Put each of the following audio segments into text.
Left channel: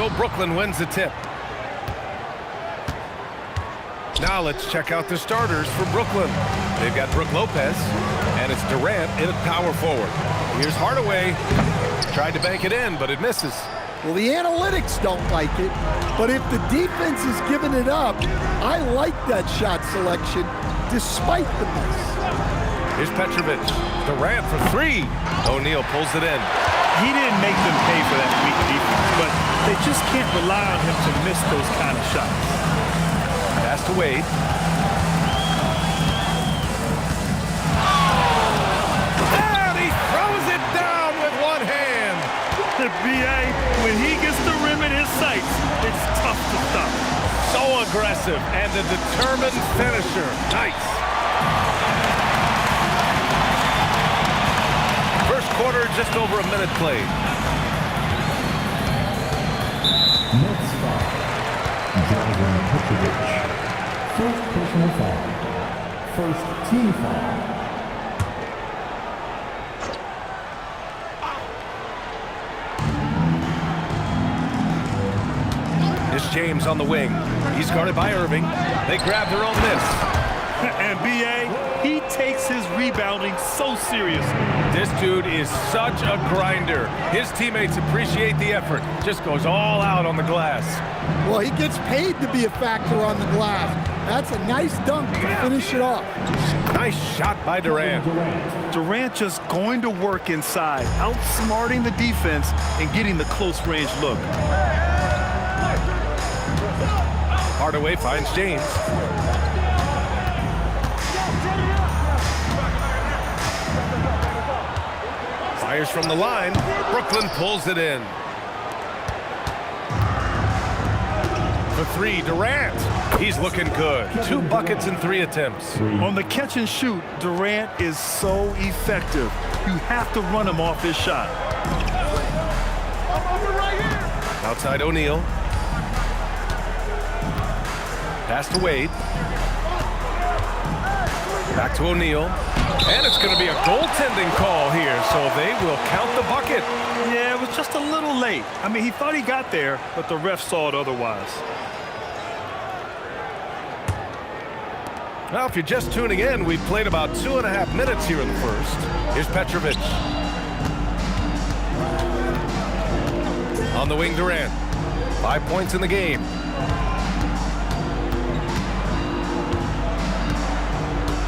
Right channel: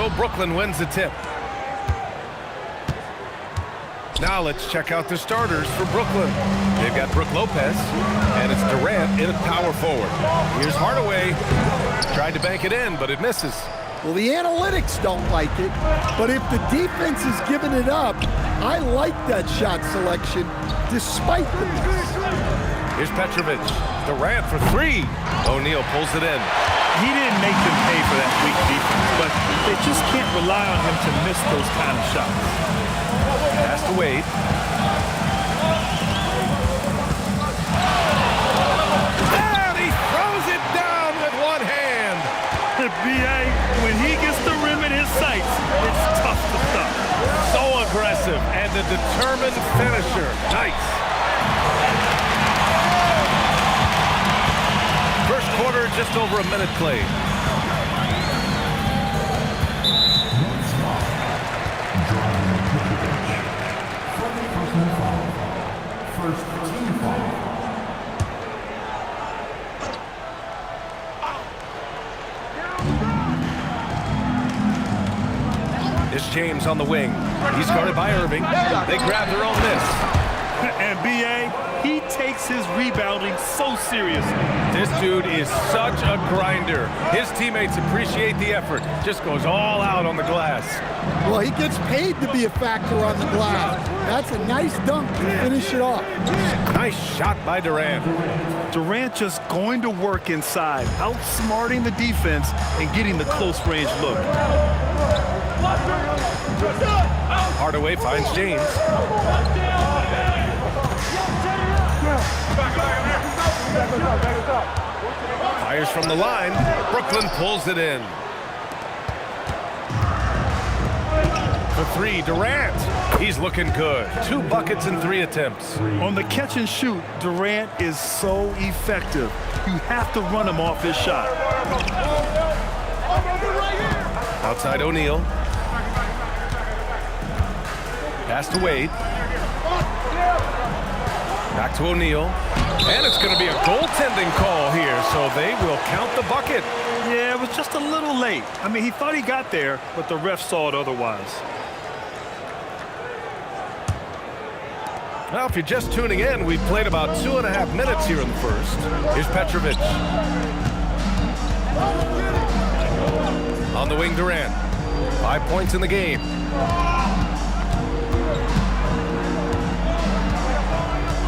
So Brooklyn wins the tip. Now let's check out the starters for Brooklyn. They've got Brook Lopez, and it's Durant in at power forward. Here's Hardaway. Tried to bank it in, but it misses. Well, the analytics don't like it, but if the defense is giving it up, I like that shot selection despite the miss. Here's Petrovic. Durant for three. O'Neal pulls it in. He didn't make them pay for that weak defense, but they just can't rely on him to miss those kind of shots. Pass to Wade. And he throws it down with one hand. B.A., when he gets the rim in his sights, it's tough to stop. So aggressive and a determined finisher. Nice. First quarter, just over a minute played. Next foul. Dragan Petrovic. First personal foul. First team foul. It's James on the wing. He's guarded by Irving. They grab their own miss. And B.A., he takes his rebounding so seriously. This dude is such a grinder. His teammates appreciate the effort. Just goes all out on the glass. Well, he gets paid to be a factor on the glass. That's a nice dunk to finish it off. Nice shot by Durant. Durant just going to work inside, outsmarting the defense and getting the close-range look. Hardaway finds James. Fires from the line. Brooklyn pulls it in. For three, Durant. He's looking good. 2 buckets in 3 attempts. On the catch and shoot, Durant is so effective. You have to run him off his shot. Outside O'Neal. Pass to Wade. Back to O'Neal. And it's going to be a goaltending call here, so they will count the bucket. Yeah, it was just a little late. I mean, he thought he got there, but the ref saw it otherwise. Well, if you're just tuning in, we've played about 2.5 minutes here in the first. Here's Petrovic. On the wing, Durant. 5 points in the game.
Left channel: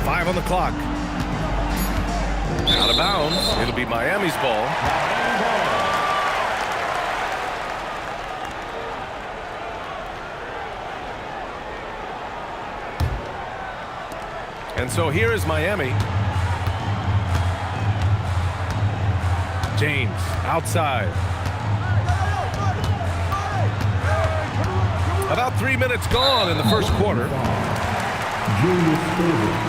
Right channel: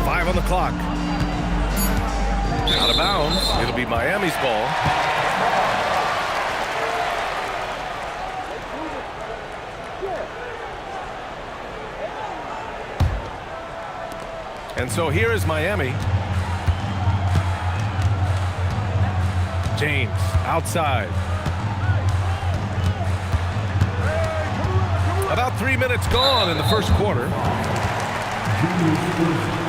Five on the clock. Out of bounds. It'll be Miami's ball. And so here is Miami. James outside. About 3 minutes gone in the first quarter. Julius Irving.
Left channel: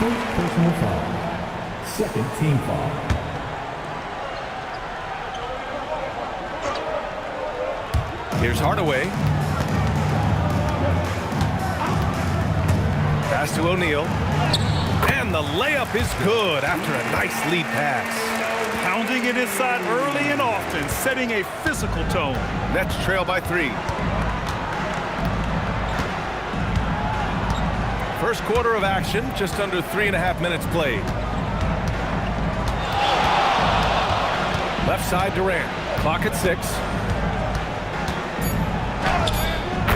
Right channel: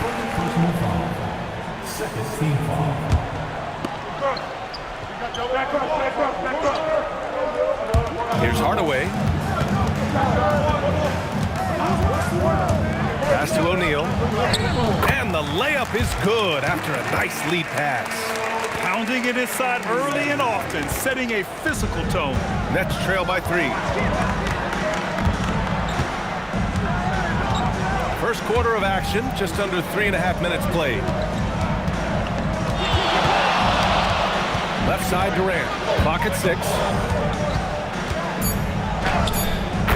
First personal foul. Second team foul. Here's Hardaway. Pass to O'Neal. And the layup is good after a nice lead pass. Pounding it inside early and often, setting a physical tone. Nets trail by 3. First quarter of action, just under 3.5 minutes played. Left side, Durant. Clock at 6.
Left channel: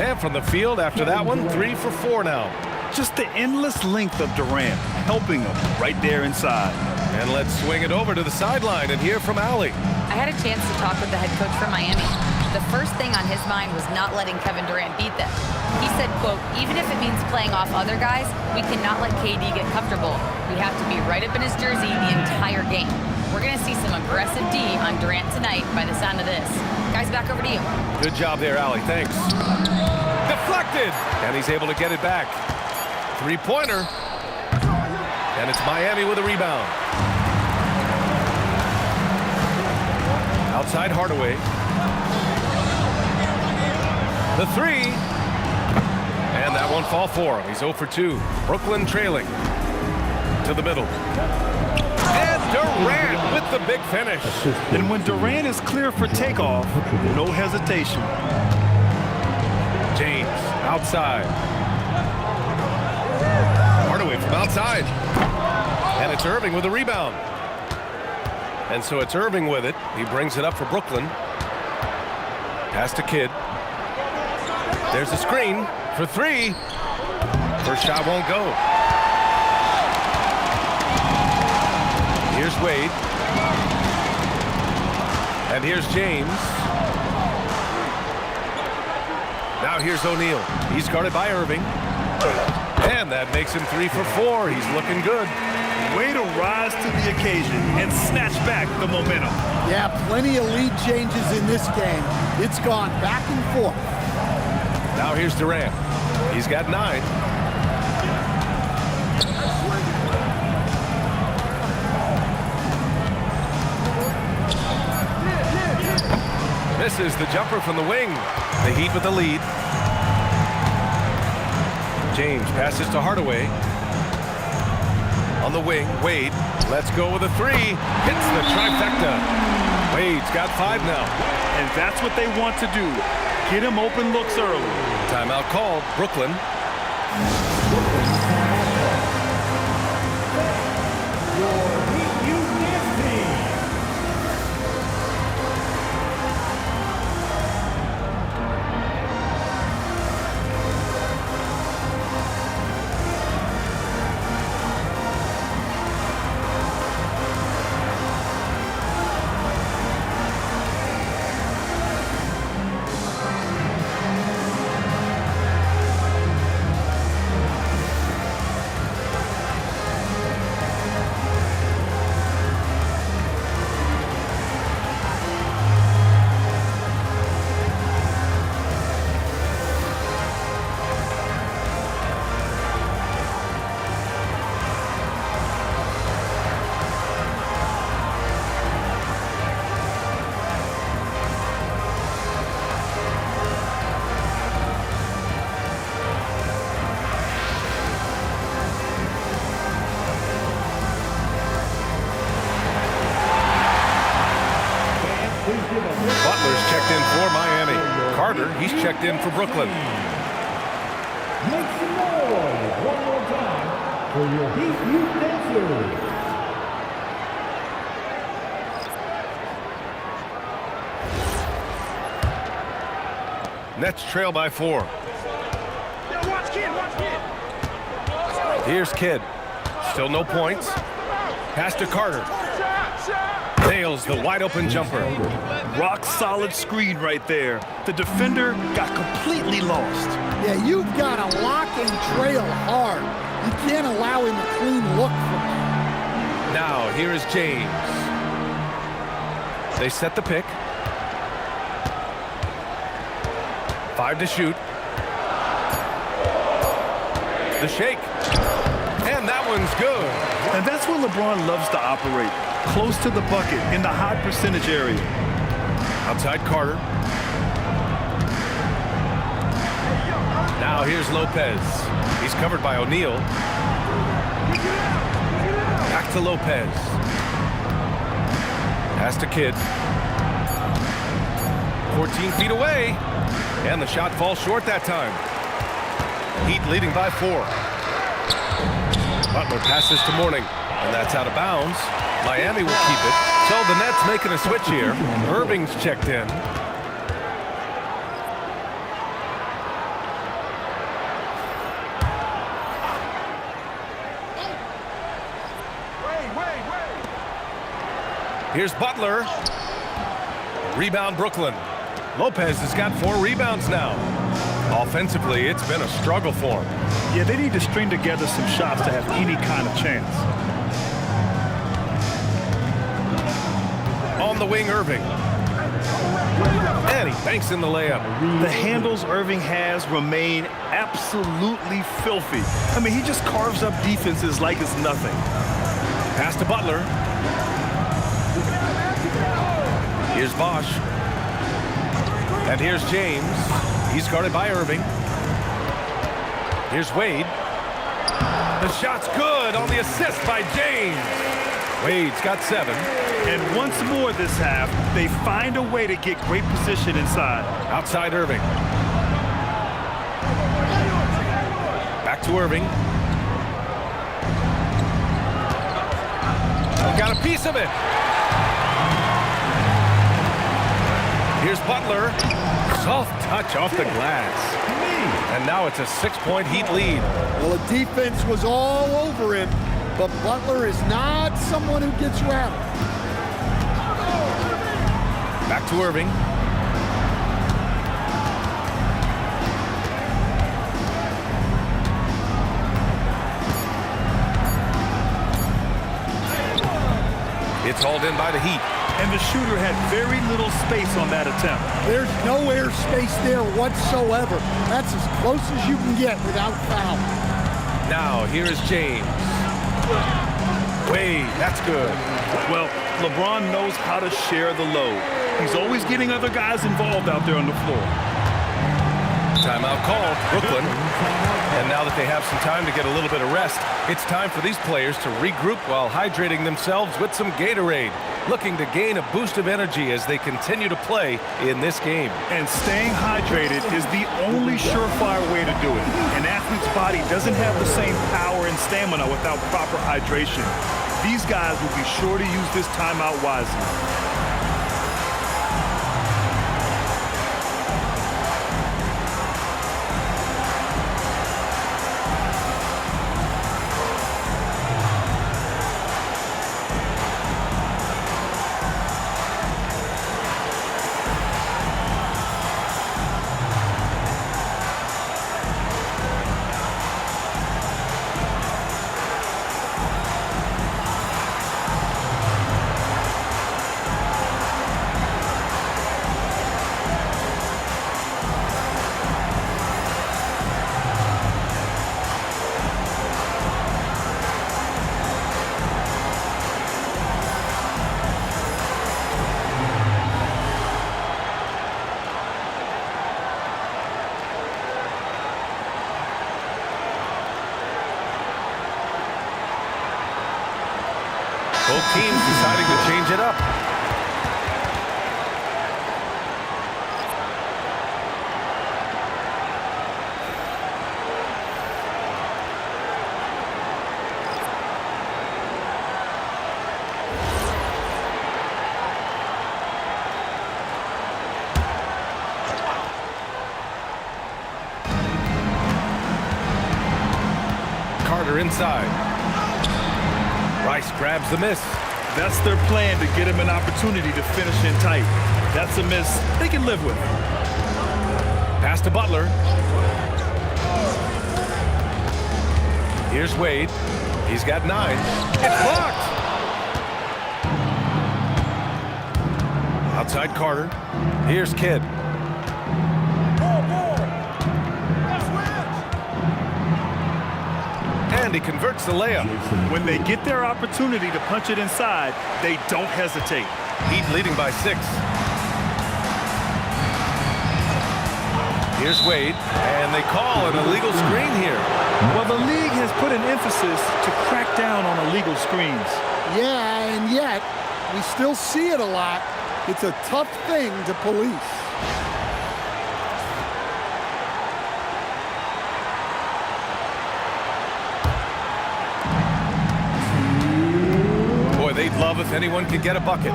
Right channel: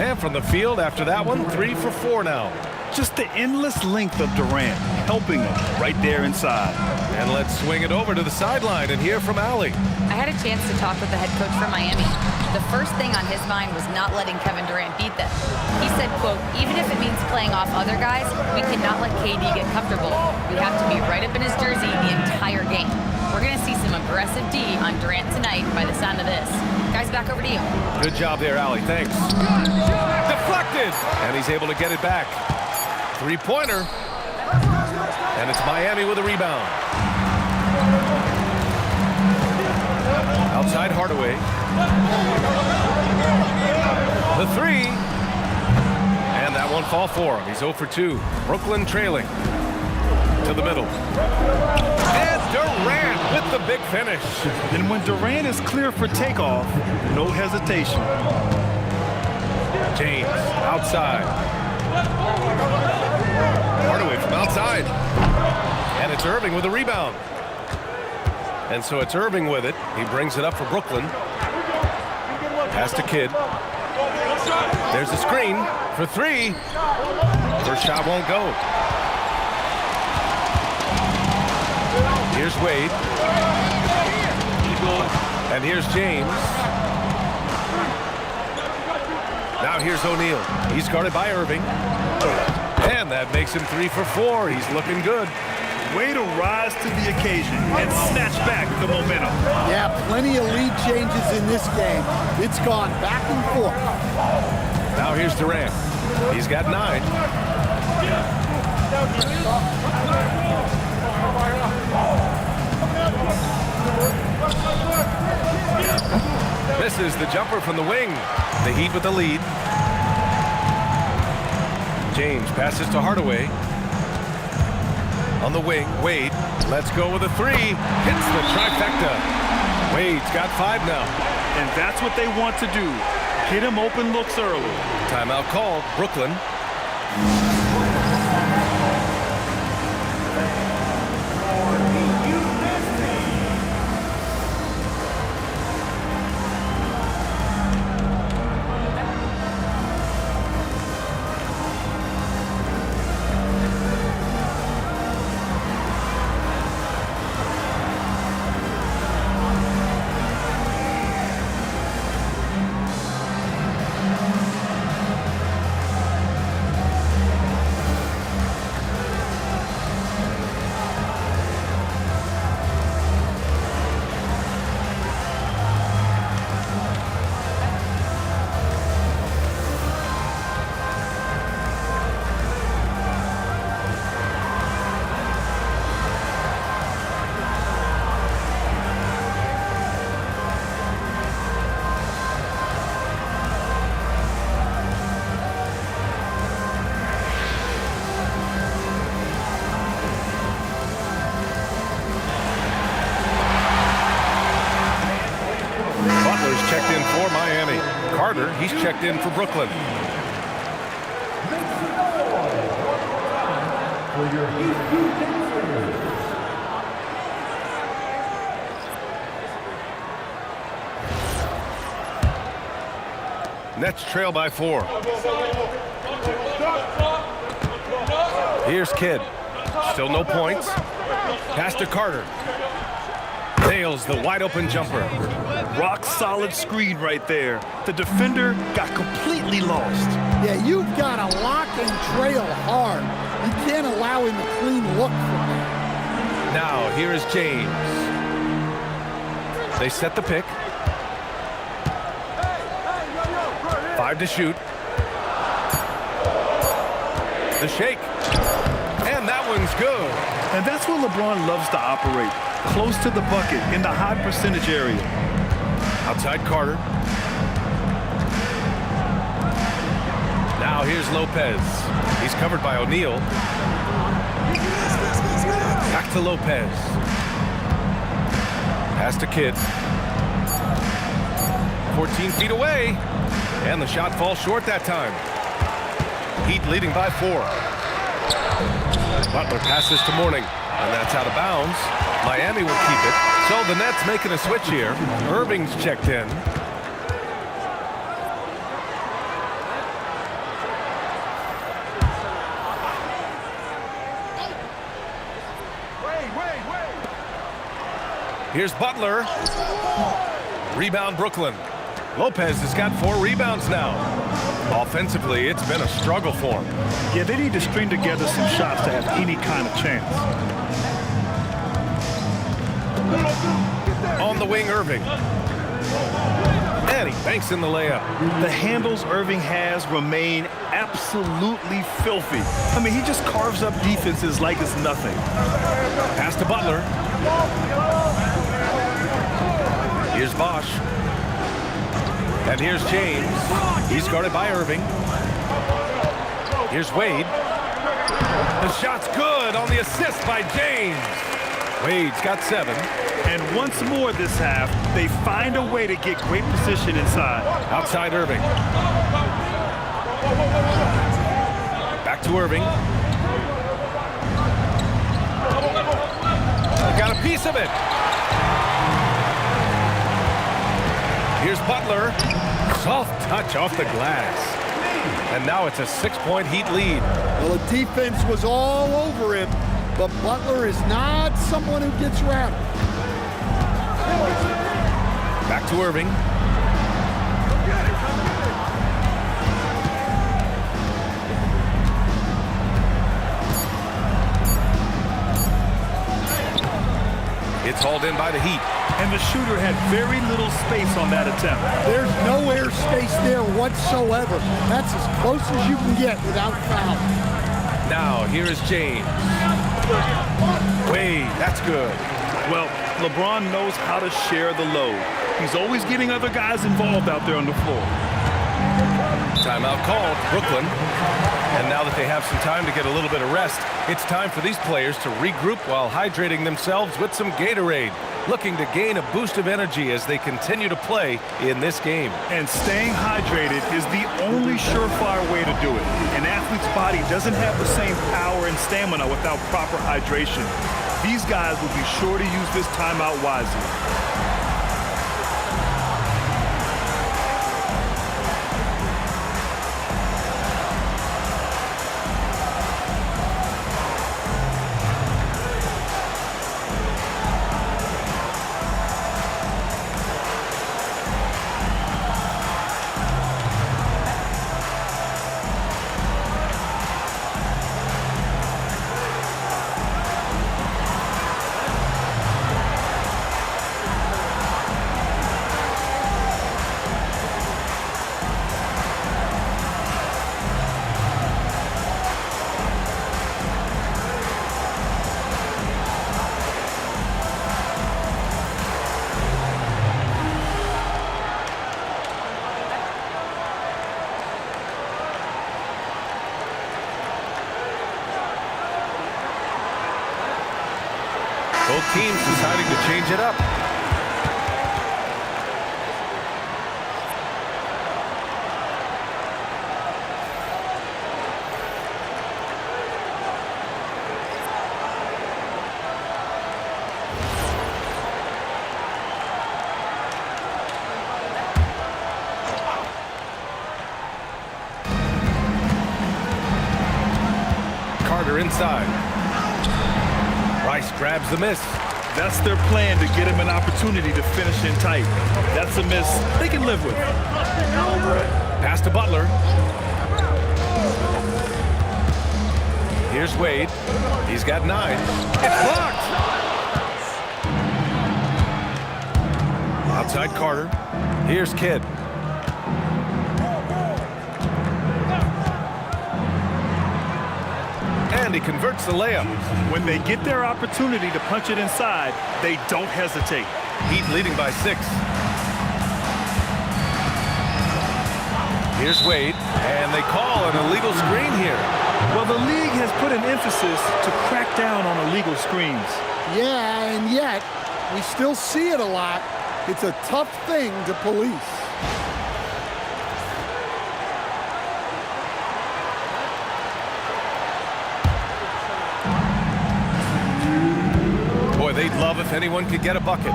And from the field after that one, 3 for 4 now. Just the endless length of Durant, helping him right there inside. And let's swing it over to the sideline and hear from Allie. I had a chance to talk with the head coach from Miami. The first thing on his mind was not letting Kevin Durant beat them. He said, quote, even if it means playing off other guys, we cannot let KD get comfortable. We have to be right up in his jersey the entire game. We're going to see some aggressive D on Durant tonight by the sound of this. Guys, back over to you. Good job there, Allie. Thanks. Deflected. And he's able to get it back. 3-pointer. And it's Miami with a rebound. Outside Hardaway. The 3. And that won't fall for him. He's 0 for 2. Brooklyn trailing. To the middle. And Durant with with the big finish. And when Durant is clear for takeoff, no hesitation. James outside. Hardaway from outside. And it's Irving with a rebound. And so it's Irving with it. He brings it up for Brooklyn. Pass to Kidd. There's a screen for three. First shot won't go. Here's Wade. And here's James. Now here's O'Neal. He's guarded by Irving. And that makes him 3 for 4. He's looking good. Way to rise to the occasion and snatch back the momentum. Yeah, plenty of lead changes in this game. It's gone back and forth. Now here's Durant. He's got 9. Misses the jumper from the wing. The Heat with the lead. James passes to Hardaway. On the wing, Wade. Let's go with a 3. Hits the trifecta. Wade's got 5 now. And that's what they want to do. Get him open looks early. Timeout called. Brooklyn. Butler's checked in for Miami. Carter, he's checked in for Brooklyn. Make some noise one more time for your Heat Youth dancers. Nets trail by 4. Here's Kidd. Still no points. Pass to Carter. Nails the wide open jumper. Rock solid screen right there. The defender got completely lost. Yeah, you've got to lock and trail hard. You can't allow him a clean look from that. Now here is James. They set the pick. 5 to shoot. The shake. And that one's good. And that's where LeBron loves to operate. Close to the bucket in the high percentage area. Outside Carter. Now here's Lopez. He's covered by O'Neal. Back to Lopez. Pass to Kidd. 14 feet away. And the shot falls short that time. Heat leading by 4. Butler passes to Mourning. And that's out of bounds. Miami will keep it. So the Nets making a switch here. Irving's checked in. Here's Butler. Rebound Brooklyn. Lopez has got 4 rebounds now. Offensively, it's been a struggle for him. Yeah, they need to string together some shots to have any kind of chance. On the wing, Irving. And he banks in the layup. The handles Irving has remain absolutely filthy. I mean, he just carves up defenses like it's nothing. Pass to Butler. Here's Bosch. And here's James. He's guarded by Irving. Here's Wade. The shot's good on the assist by James. Wade's got 7. And once more this half, they find a way to get great position inside. Outside Irving. Back to Irving. Got a piece of it. Here's Butler. Soft touch off the glass. And now it's a 6-point Heat lead. Well, the defense was all over him, but Butler is not someone who gets rattled. Back to Irving. It's hauled in by the Heat. And the shooter had very little space on that attempt. There's no air space there whatsoever. That's as close as you can get without foul. Now, here is James. Wade, that's good. Well, LeBron knows how to share the load. He's always getting other guys involved out there on the floor. Timeout called, Brooklyn. And now that they have some time to get a little bit of rest, it's time for these players to regroup while hydrating themselves with some Gatorade, looking to gain a boost of energy as they continue to play in this game. And staying hydrated is the only surefire way to do it. An athlete's body doesn't have the same power and stamina without proper hydration. These guys will be sure to use this timeout wisely. Both teams deciding to change it up. Carter inside. Rice grabs the miss. That's their plan, to get him an opportunity to finish in tight. That's a miss they can live with. Pass to Butler. Here's Wade. He's got 9. It's blocked. Outside Carter. Here's Kidd. And he converts the layup. When they get their opportunity to punch it inside, they don't hesitate. Heat leading by 6. Here's Wade, and they call an illegal screen here. Well, the league has put an emphasis to crack down on illegal screens. Yeah, and yet we still see it a lot. It's a tough thing to police. Boy, they'd love if anyone could get a bucket.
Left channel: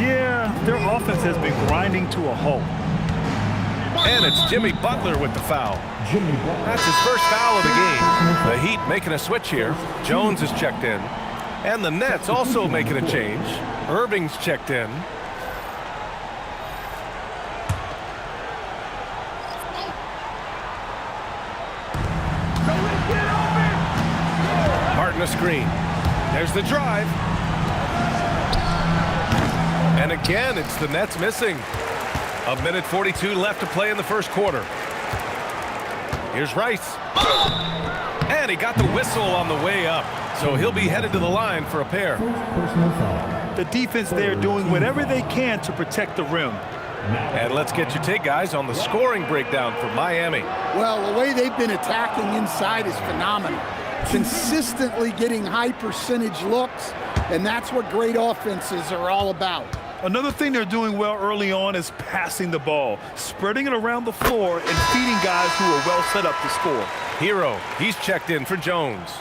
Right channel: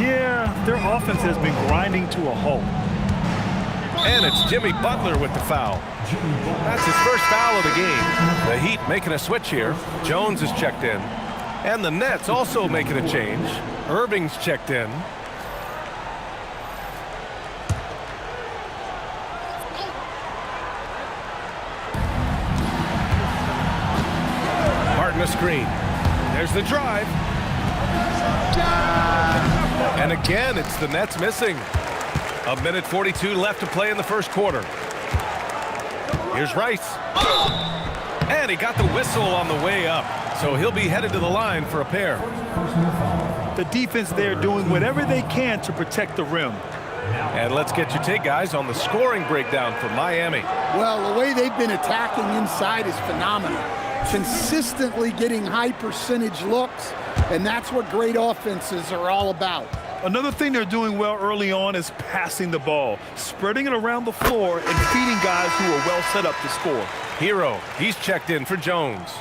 Yeah, their offense has been grinding to a halt. And it's Jimmy Butler with the foul. That's his first foul of the game. The Heat making a switch here. Jones is checked in. And the Nets also making a change. Irving's checked in. Martin a screen. There's the drive. And again, it's the Nets missing. 1:42 left to play in the first quarter. Here's Rice. And he got the whistle on the way up. So he'll be headed to the line for a pair. The defense there doing whatever they can to protect the rim. And let's get your take, guys, on the scoring breakdown for Miami. Well, the way they've been attacking inside is phenomenal. Consistently getting high percentage looks, And that's what great offenses are all about. Another thing they're doing well early on is passing the ball, spreading it around the floor and feeding guys who are well set up to score. Hero, he's checked in for Jones.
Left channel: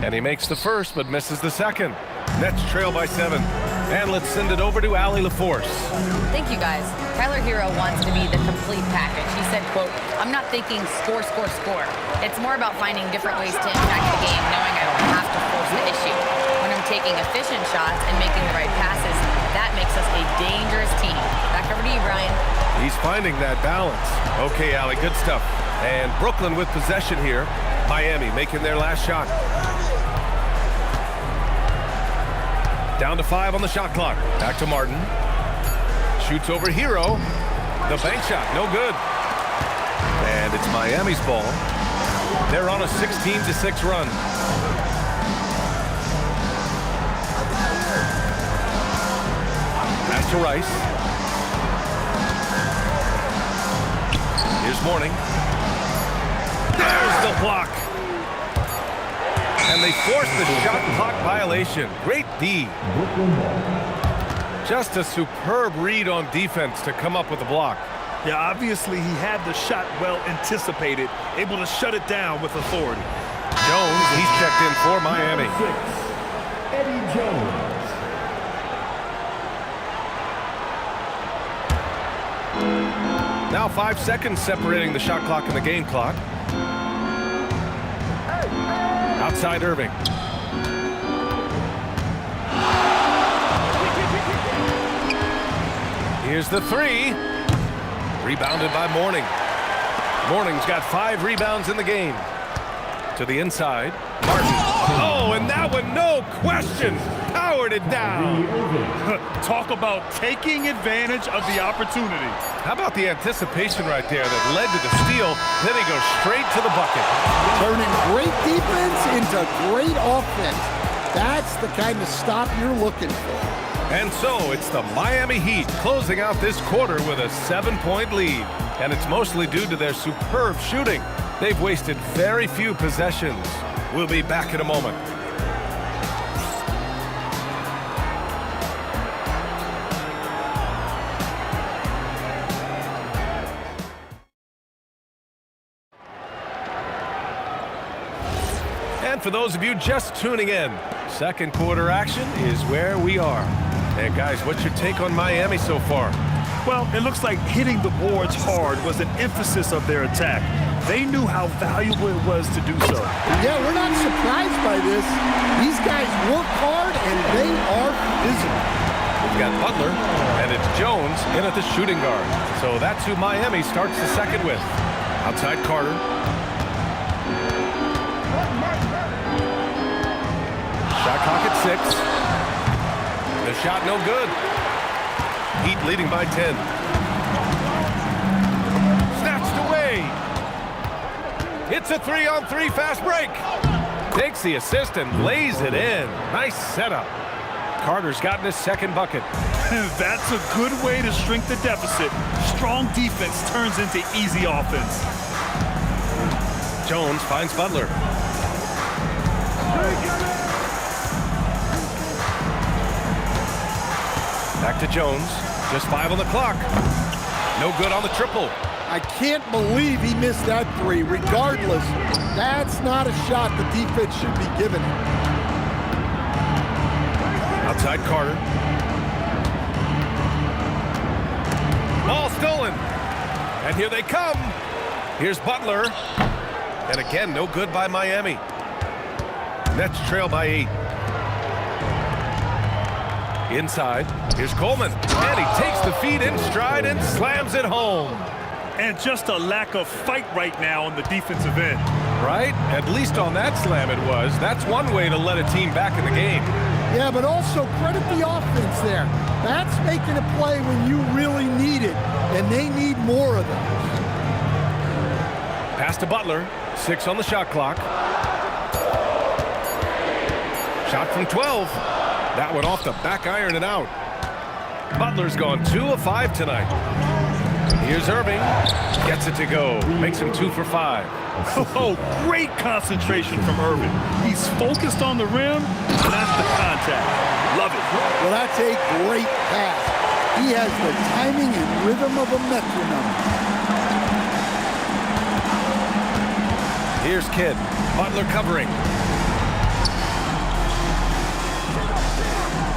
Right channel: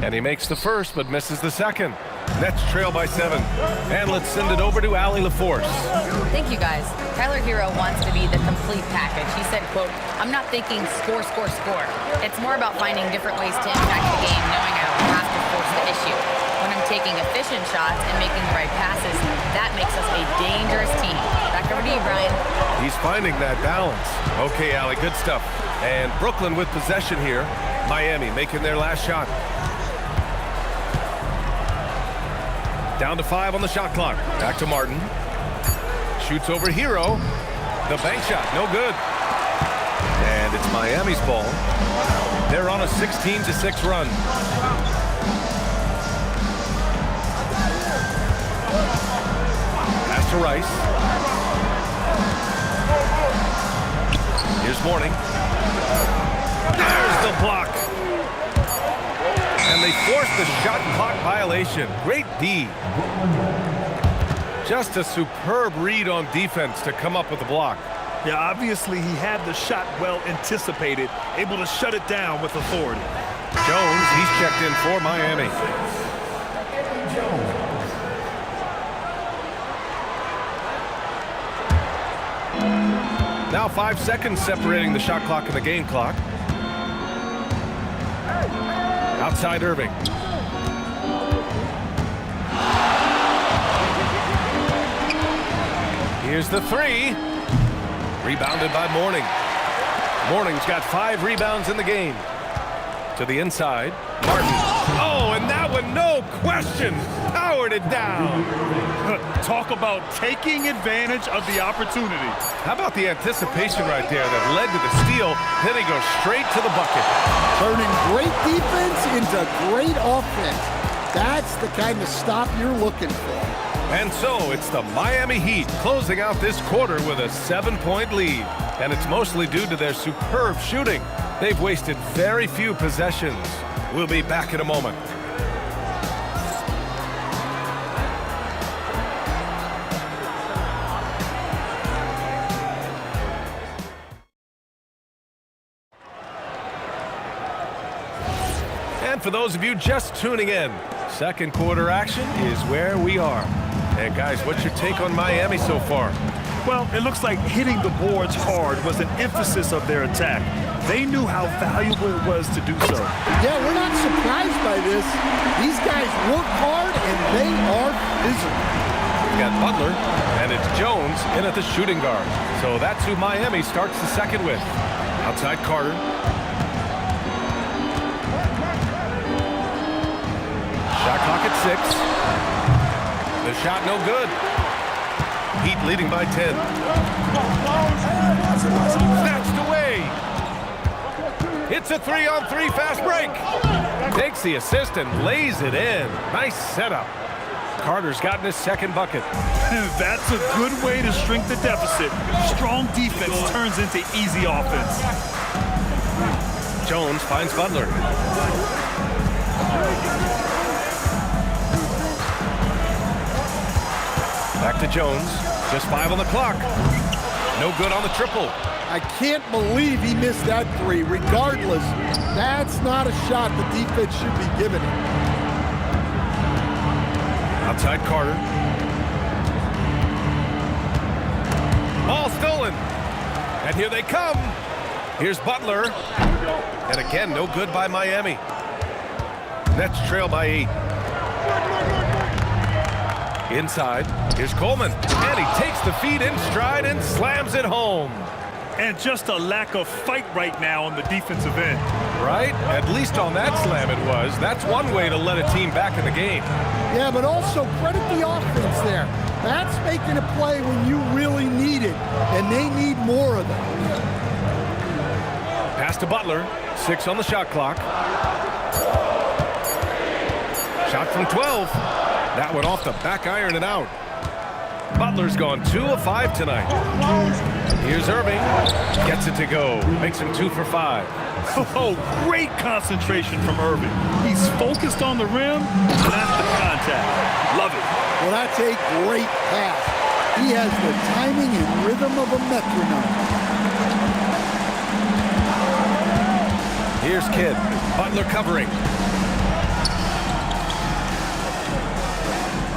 And he makes the first, but misses the second. Nets trail by 7. And let's send it over to Allie LaForce. Thank you, guys. Tyler Hero wants to be the complete package. He said, quote, "I'm not thinking score, score, score. It's more about finding different ways to impact the game, knowing I don't have to force the issue. When I'm taking efficient shots and making the right passes, that makes us a dangerous team." Back over to you, Brian. He's finding that balance. Okay, Allie, good stuff. And Brooklyn with possession here. Miami making their last shot. Down to 5 on the shot clock. Back to Martin. Shoots over Hero. The bank shot, no good. And it's Miami's ball. They're on a 16-6 run. Pass to Rice. Here's Mourning. There's the block. And they force the shot clock violation. Great D. Just a superb read on defense to come up with the block. Yeah, obviously he had the shot well anticipated, able to shut it down with authority. Jones, he's checked in for Miami. Eddie Jones. Now 5 seconds separating the shot clock and the game clock. Outside Irving. Here's the 3. Rebounded by Mourning. Mourning's got 5 rebounds in the game. To the inside. Martin. Oh, and that one, no question, powered it down. Talk about taking advantage of the opportunity. How about the anticipation right there that led to the steal? Then he goes straight to the bucket. Turning great defense into great offense. That's the kind of stop you're looking for. And so it's the Miami Heat closing out this quarter with a 7-point lead. And it's mostly due to their superb shooting. They've wasted very few possessions. We'll be back in a moment. And for those of you just tuning in, second quarter action is where we are. And guys, what's your take on Miami so far? Well, it looks like hitting the boards hard was an emphasis of their attack. They knew how valuable it was to do so. Yeah, we're not surprised by this. These guys work hard and they are physical. We've got Butler, and it's Jones in at the shooting guard. So that's who Miami starts the second with. Outside Carter. Shot clock at 6. The shot no good. Heat leading by 10. Snatched away. It's a 3-on-3 fast break. Takes the assist and lays it in. Nice setup. Carter's gotten his second bucket. That's a good way to shrink the deficit. Strong defense turns into easy offense. Jones finds Butler. Back to Jones. Just 5 on the clock. No good on the triple. I can't believe he missed that 3. Regardless, that's not a shot the defense should be giving him. Outside Carter. Ball stolen. And here they come. Here's Butler. And again, no good by Miami. Nets trail by 8. Inside, here's Coleman. And he takes the feed in stride and slams it home. And just a lack of fight right now on the defensive end. Right? At least on that slam it was. That's one way to let a team back in the game. Yeah, but also credit the offense there. That's making a play when you really need it, and they need more of those. Pass to Butler. 6 on the shot clock. Shot from 12. That one off the back iron and out. Butler's gone 2 of 5 tonight. Here's Irving. Gets it to go. Makes him 2 for 5. Oh, great concentration from Irving. He's focused on the rim, not the contact. Love it. Well, that's a great pass. He has the timing and rhythm of a metronome. Here's Kidd. Butler covering.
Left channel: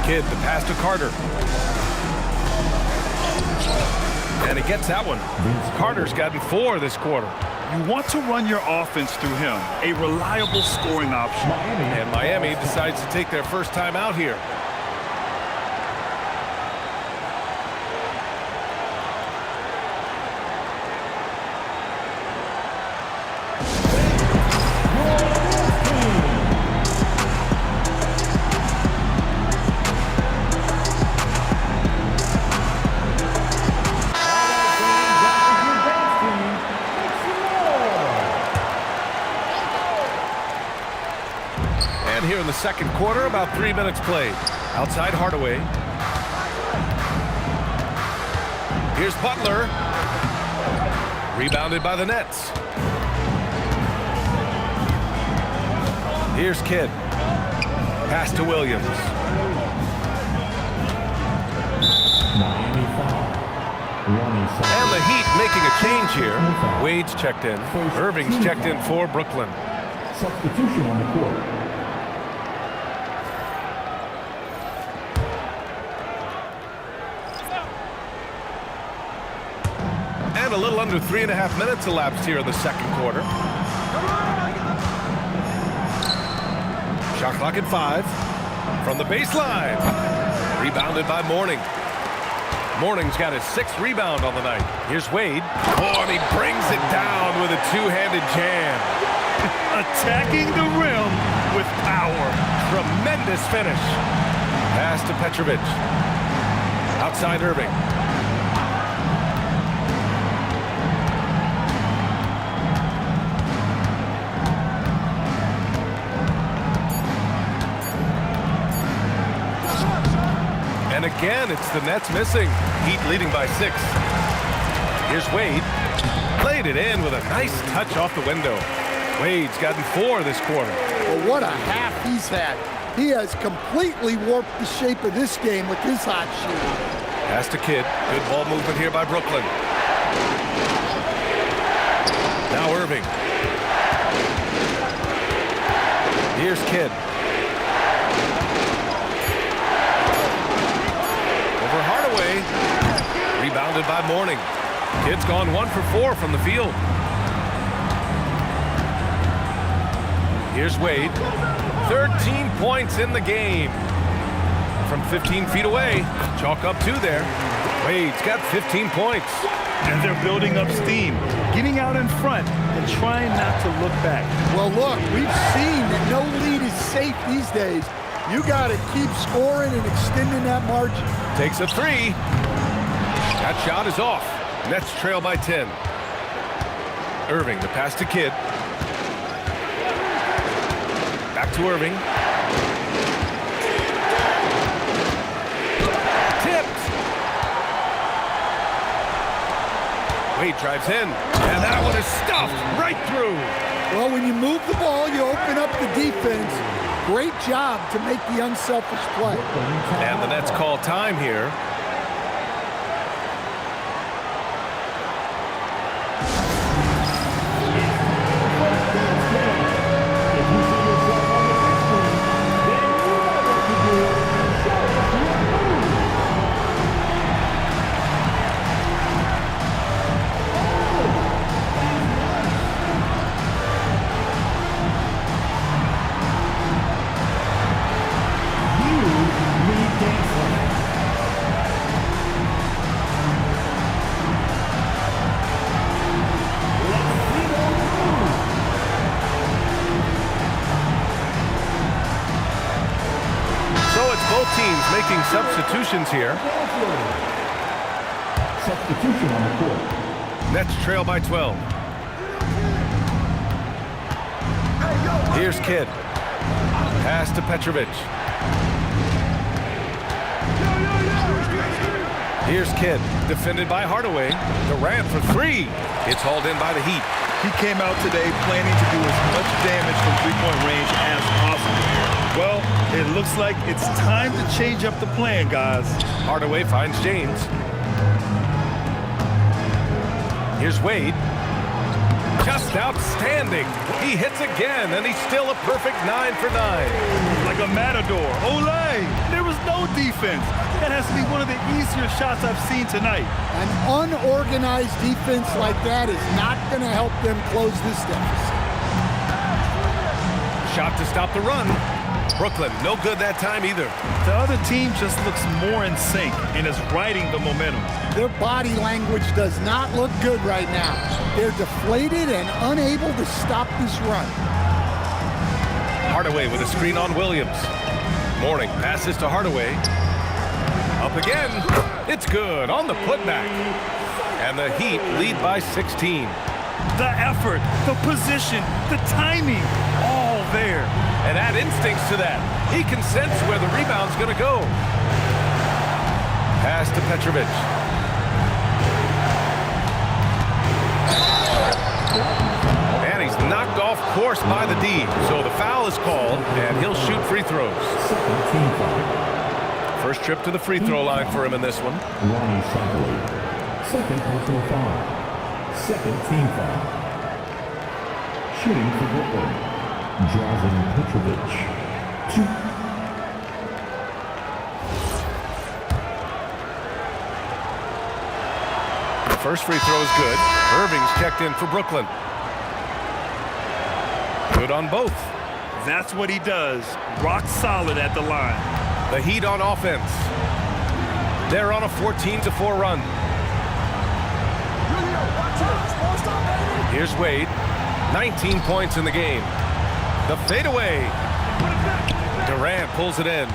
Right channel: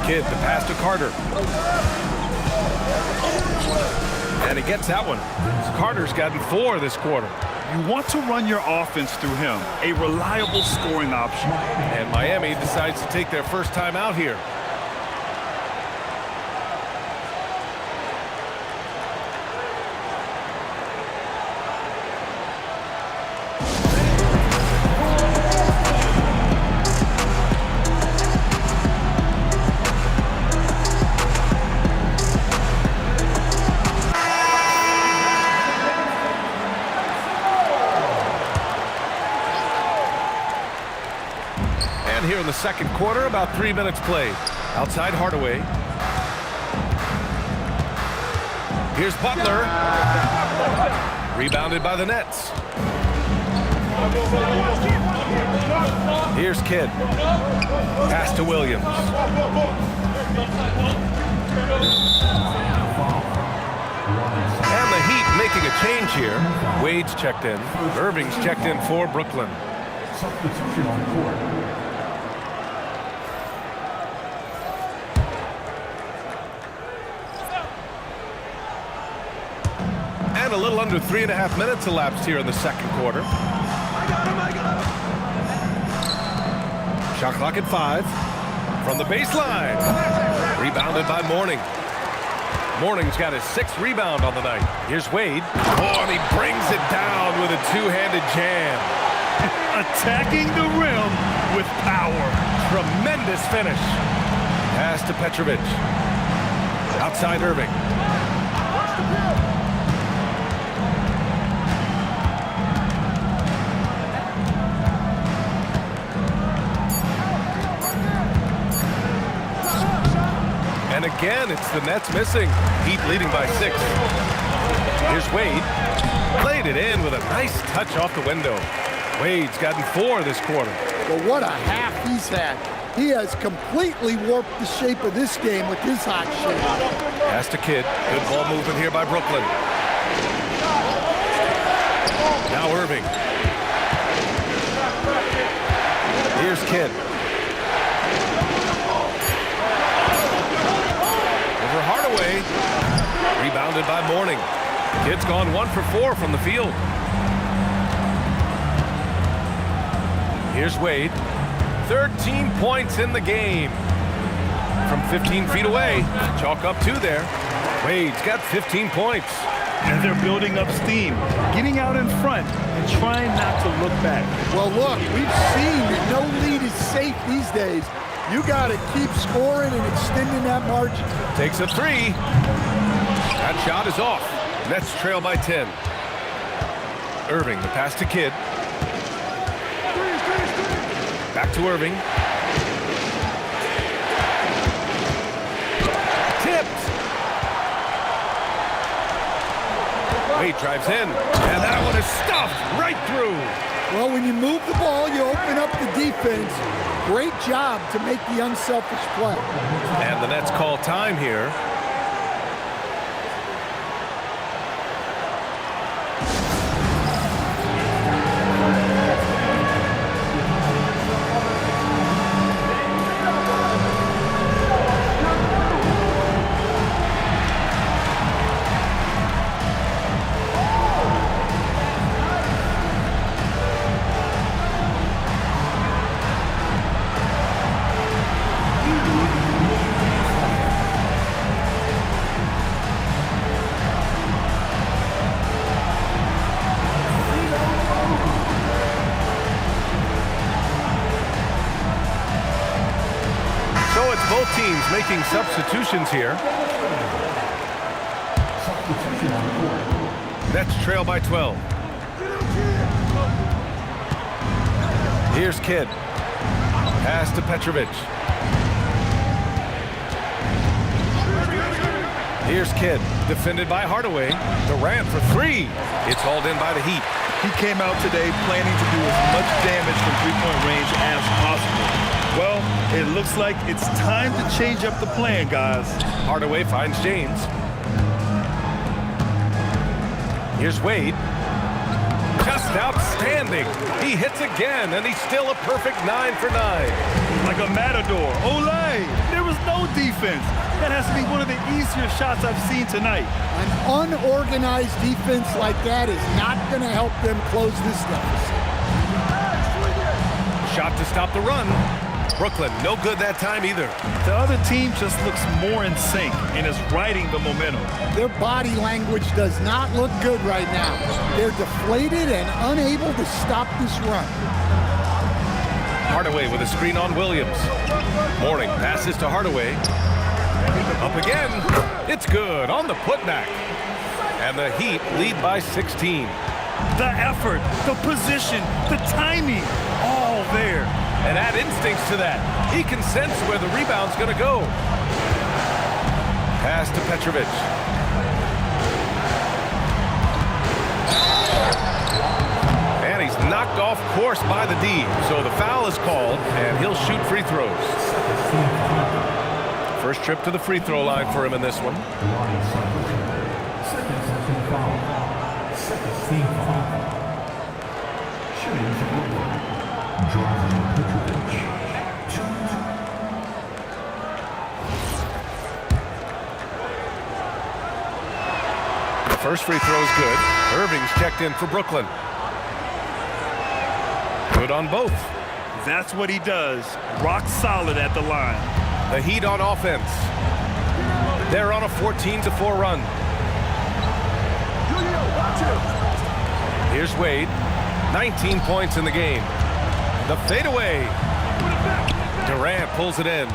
Kidd, the pass to Carter. And he gets that one. Carter's gotten 4 this quarter. You want to run your offense through him, a reliable scoring option. And Miami decides to take their first time out here. And here in the second quarter, about 3 minutes played. Outside Hardaway. Here's Butler. Rebounded by the Nets. Here's Kidd. Pass to Williams. And the Heat making a change here. Wade's checked in. Irving's checked in for Brooklyn. Substitution on the court. And a little under 3.5 minutes elapsed here in the second quarter. Shot clock at 5. From the baseline. Rebounded by Mourning. Mourning's got his 6th rebound on the night. Here's Wade. Oh, and he brings it down with a two-handed jam. Attacking the rim with power. Tremendous finish. Pass to Petrovic. Outside Irving. And again, it's the Nets missing. Heat leading by 6. Here's Wade. Played it in with a nice touch off the window. Wade's gotten 4 this quarter. Well, what a half he's had. He has completely warped the shape of this game with his hot shooting. Pass to Kidd. Good ball movement here by Brooklyn. Now Irving. Here's Kidd. Over Hardaway. Rebounded by Mourning. Kidd's gone 1 for 4 from the field. Here's Wade. 13 points in the game. From 15 feet away. Chalk up 2 there. Wade's got 15 points. And they're building up steam, getting out in front and trying not to look back. Well, look, we've seen that no lead is safe these days. You got to keep scoring and extending that margin. Takes a 3. That shot is off. Nets trail by 10. Irving, the pass to Kidd. Back to Irving. Tipped. Wade drives in. And that one is stuffed right through. Well, when you move the ball, you open up the defense. Great job to make the unselfish play. And the Nets call time here. So it's both teams making substitutions here. Substitution on the court. Nets trail by 12. Here's Kidd. Pass to Petrovic. Here's Kidd, defended by Hardaway. Durant for three. It's hauled in by the Heat. He came out today planning to do as much damage from three-point range as possible. Well, it looks like it's time to change up the plan, guys. Hardaway finds James. Here's Wade. Just outstanding. He hits again, and he's still a perfect 9 for 9. Like a matador. Olay! There was no defense. That has to be one of the easier shots I've seen tonight. An unorganized defense like that is not going to help them close this deficit. Shot to stop the run. Brooklyn, no good that time either. The other team just looks more in sync and is riding the momentum. Their body language does not look good right now. They're deflated and unable to stop this run. Hardaway with a screen on Williams. Mourning passes to Hardaway. Up again. It's good on the putback. And the Heat lead by 16. The effort, the position, the timing, all there. And add instincts to that. He can sense where the rebound's going to go. Pass to Petrovic. And he's knocked off course by the D. So the foul is called, and he'll shoot free throws. First trip to the free throw line for him in this one. Ronnie Cycling. Second personal foul. Second team foul. Shooting for Brooklyn. Drazen Petrovic. 2. The first free throw is good. Irving's checked in for Brooklyn. Good on both. That's what he does. Rock solid at the line. The Heat on offense. They're on a 14-4 run. Here's Wade. 19 points in the game. The fadeaway. Durant pulls it in.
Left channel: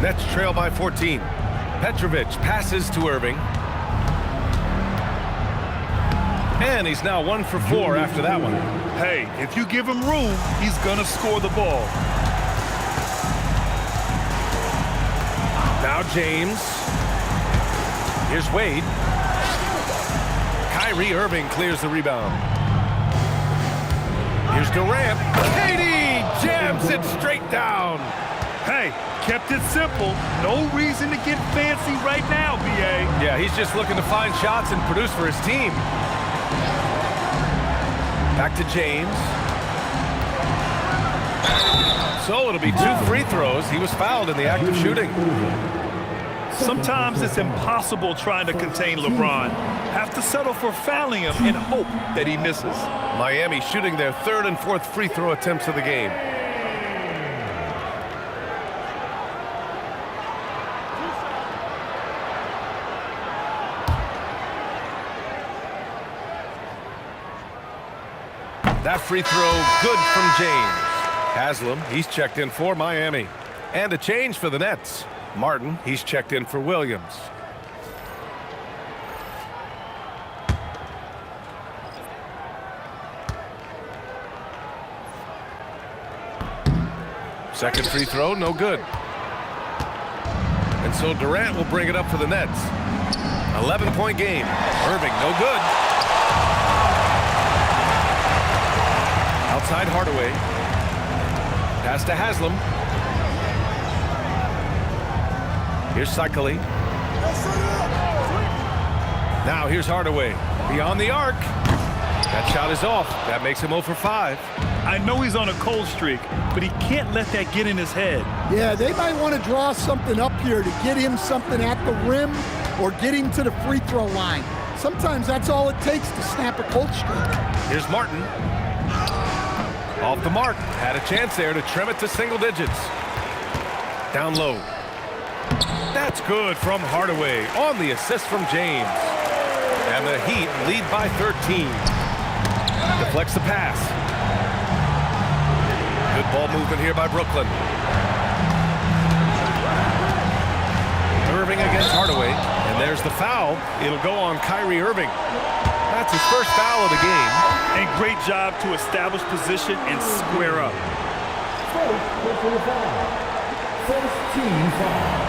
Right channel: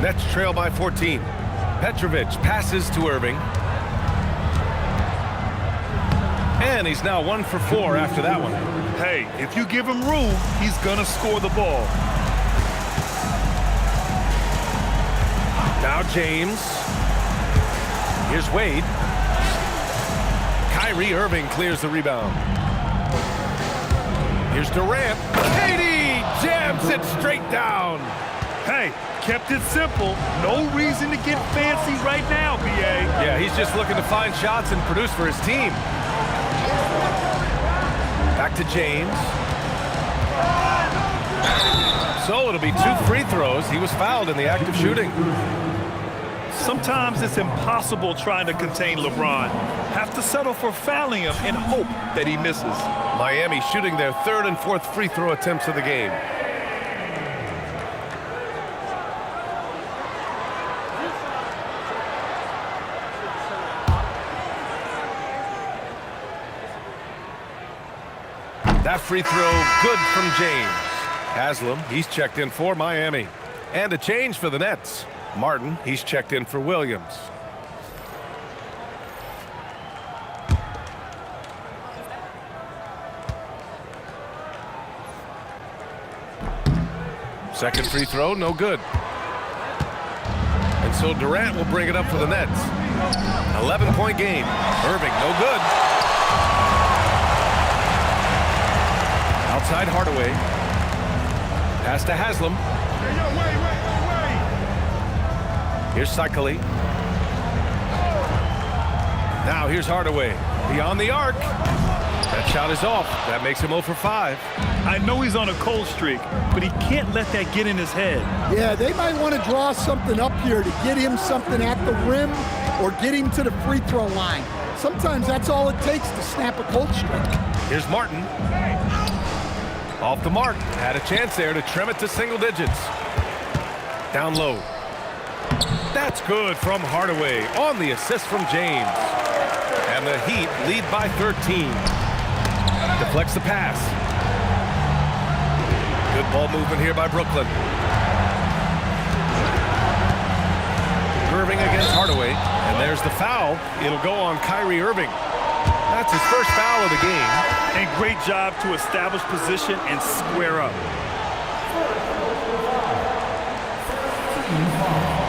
Nets trail by 14. Petrovic passes to Irving. And he's now 1 for 4 after that one. Hey, if you give him room, he's gonna score the ball. Now James. Here's Wade. Kyrie Irving clears the rebound. Here's Durant. KD jams it straight down. Hey, kept it simple. No reason to get fancy right now, B.A. Yeah, he's just looking to find shots and produce for his team. Back to James. So it'll be 2 free throws. He was fouled in the act of shooting. Sometimes it's impossible trying to contain LeBron. Have to settle for fouling him and hope that he misses. Miami shooting their 3rd and 4th free throw attempts of the game. That free throw good from James. Haslam, he's checked in for Miami. And a change for the Nets. Martin, he's checked in for Williams. Second free throw, no good. And so Durant will bring it up for the Nets. 11-point game. Irving, no good. Outside Hardaway. Pass to Haslam. Here's Cycling. Now here's Hardaway. Beyond the arc. That shot is off. That makes him 0 for 5. I know he's on a cold streak, but he can't let that get in his head. Yeah, they might want to draw something up here to get him something at the rim or get him to the free throw line. Sometimes that's all it takes to snap a cold streak. Here's Martin. Off the mark. Had a chance there to trim it to single digits. Down low. That's good from Hardaway on the assist from James. And the Heat lead by 13. Deflects the pass. Good ball movement here by Brooklyn. Irving against Hardaway. And there's the foul. It'll go on Kyrie Irving. That's his first foul of the game. And great job to establish position and square up. First team foul.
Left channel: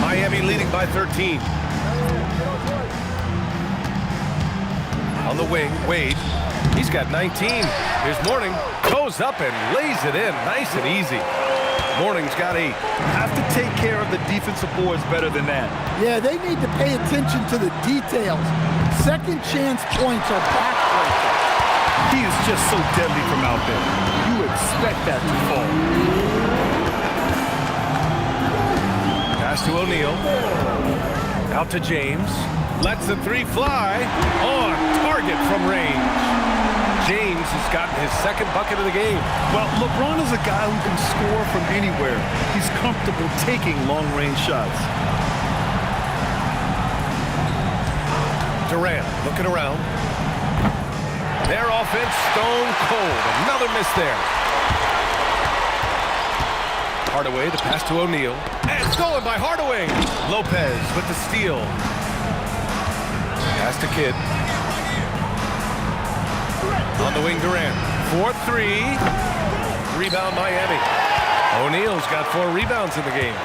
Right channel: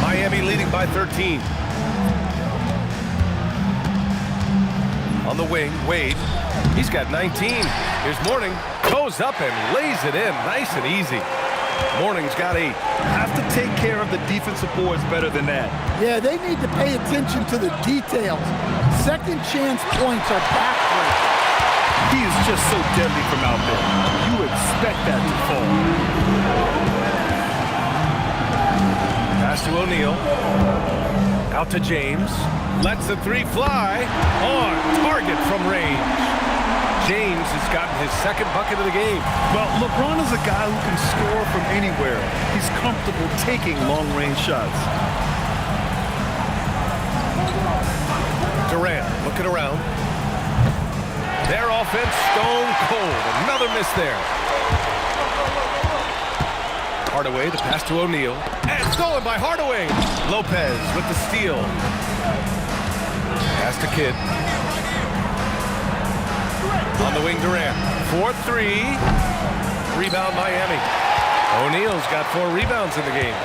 Miami leading by 13. On the wing, Wade. He's got 19. Here's Mourning. Goes up and lays it in. Nice and easy. Mourning's got 8. Have to take care of the defensive boards better than that. Yeah, they need to pay attention to the details. Second chance points are backbreaking. He is just so deadly from out there. You expect that to fall. Pass to O'Neal. Out to James. Lets the 3 fly. On target from range. James has gotten his second bucket of the game. Well, LeBron is a guy who can score from anywhere. He's comfortable taking long-range shots. Durant looking around. Their offense stone cold. Another miss there. Hardaway, the pass to O'Neal. And stolen by Hardaway. Lopez with the steal. Pass to Kidd. On the wing, Durant. 4-3. Rebound, Miami. O'Neal's got 4 rebounds in the game.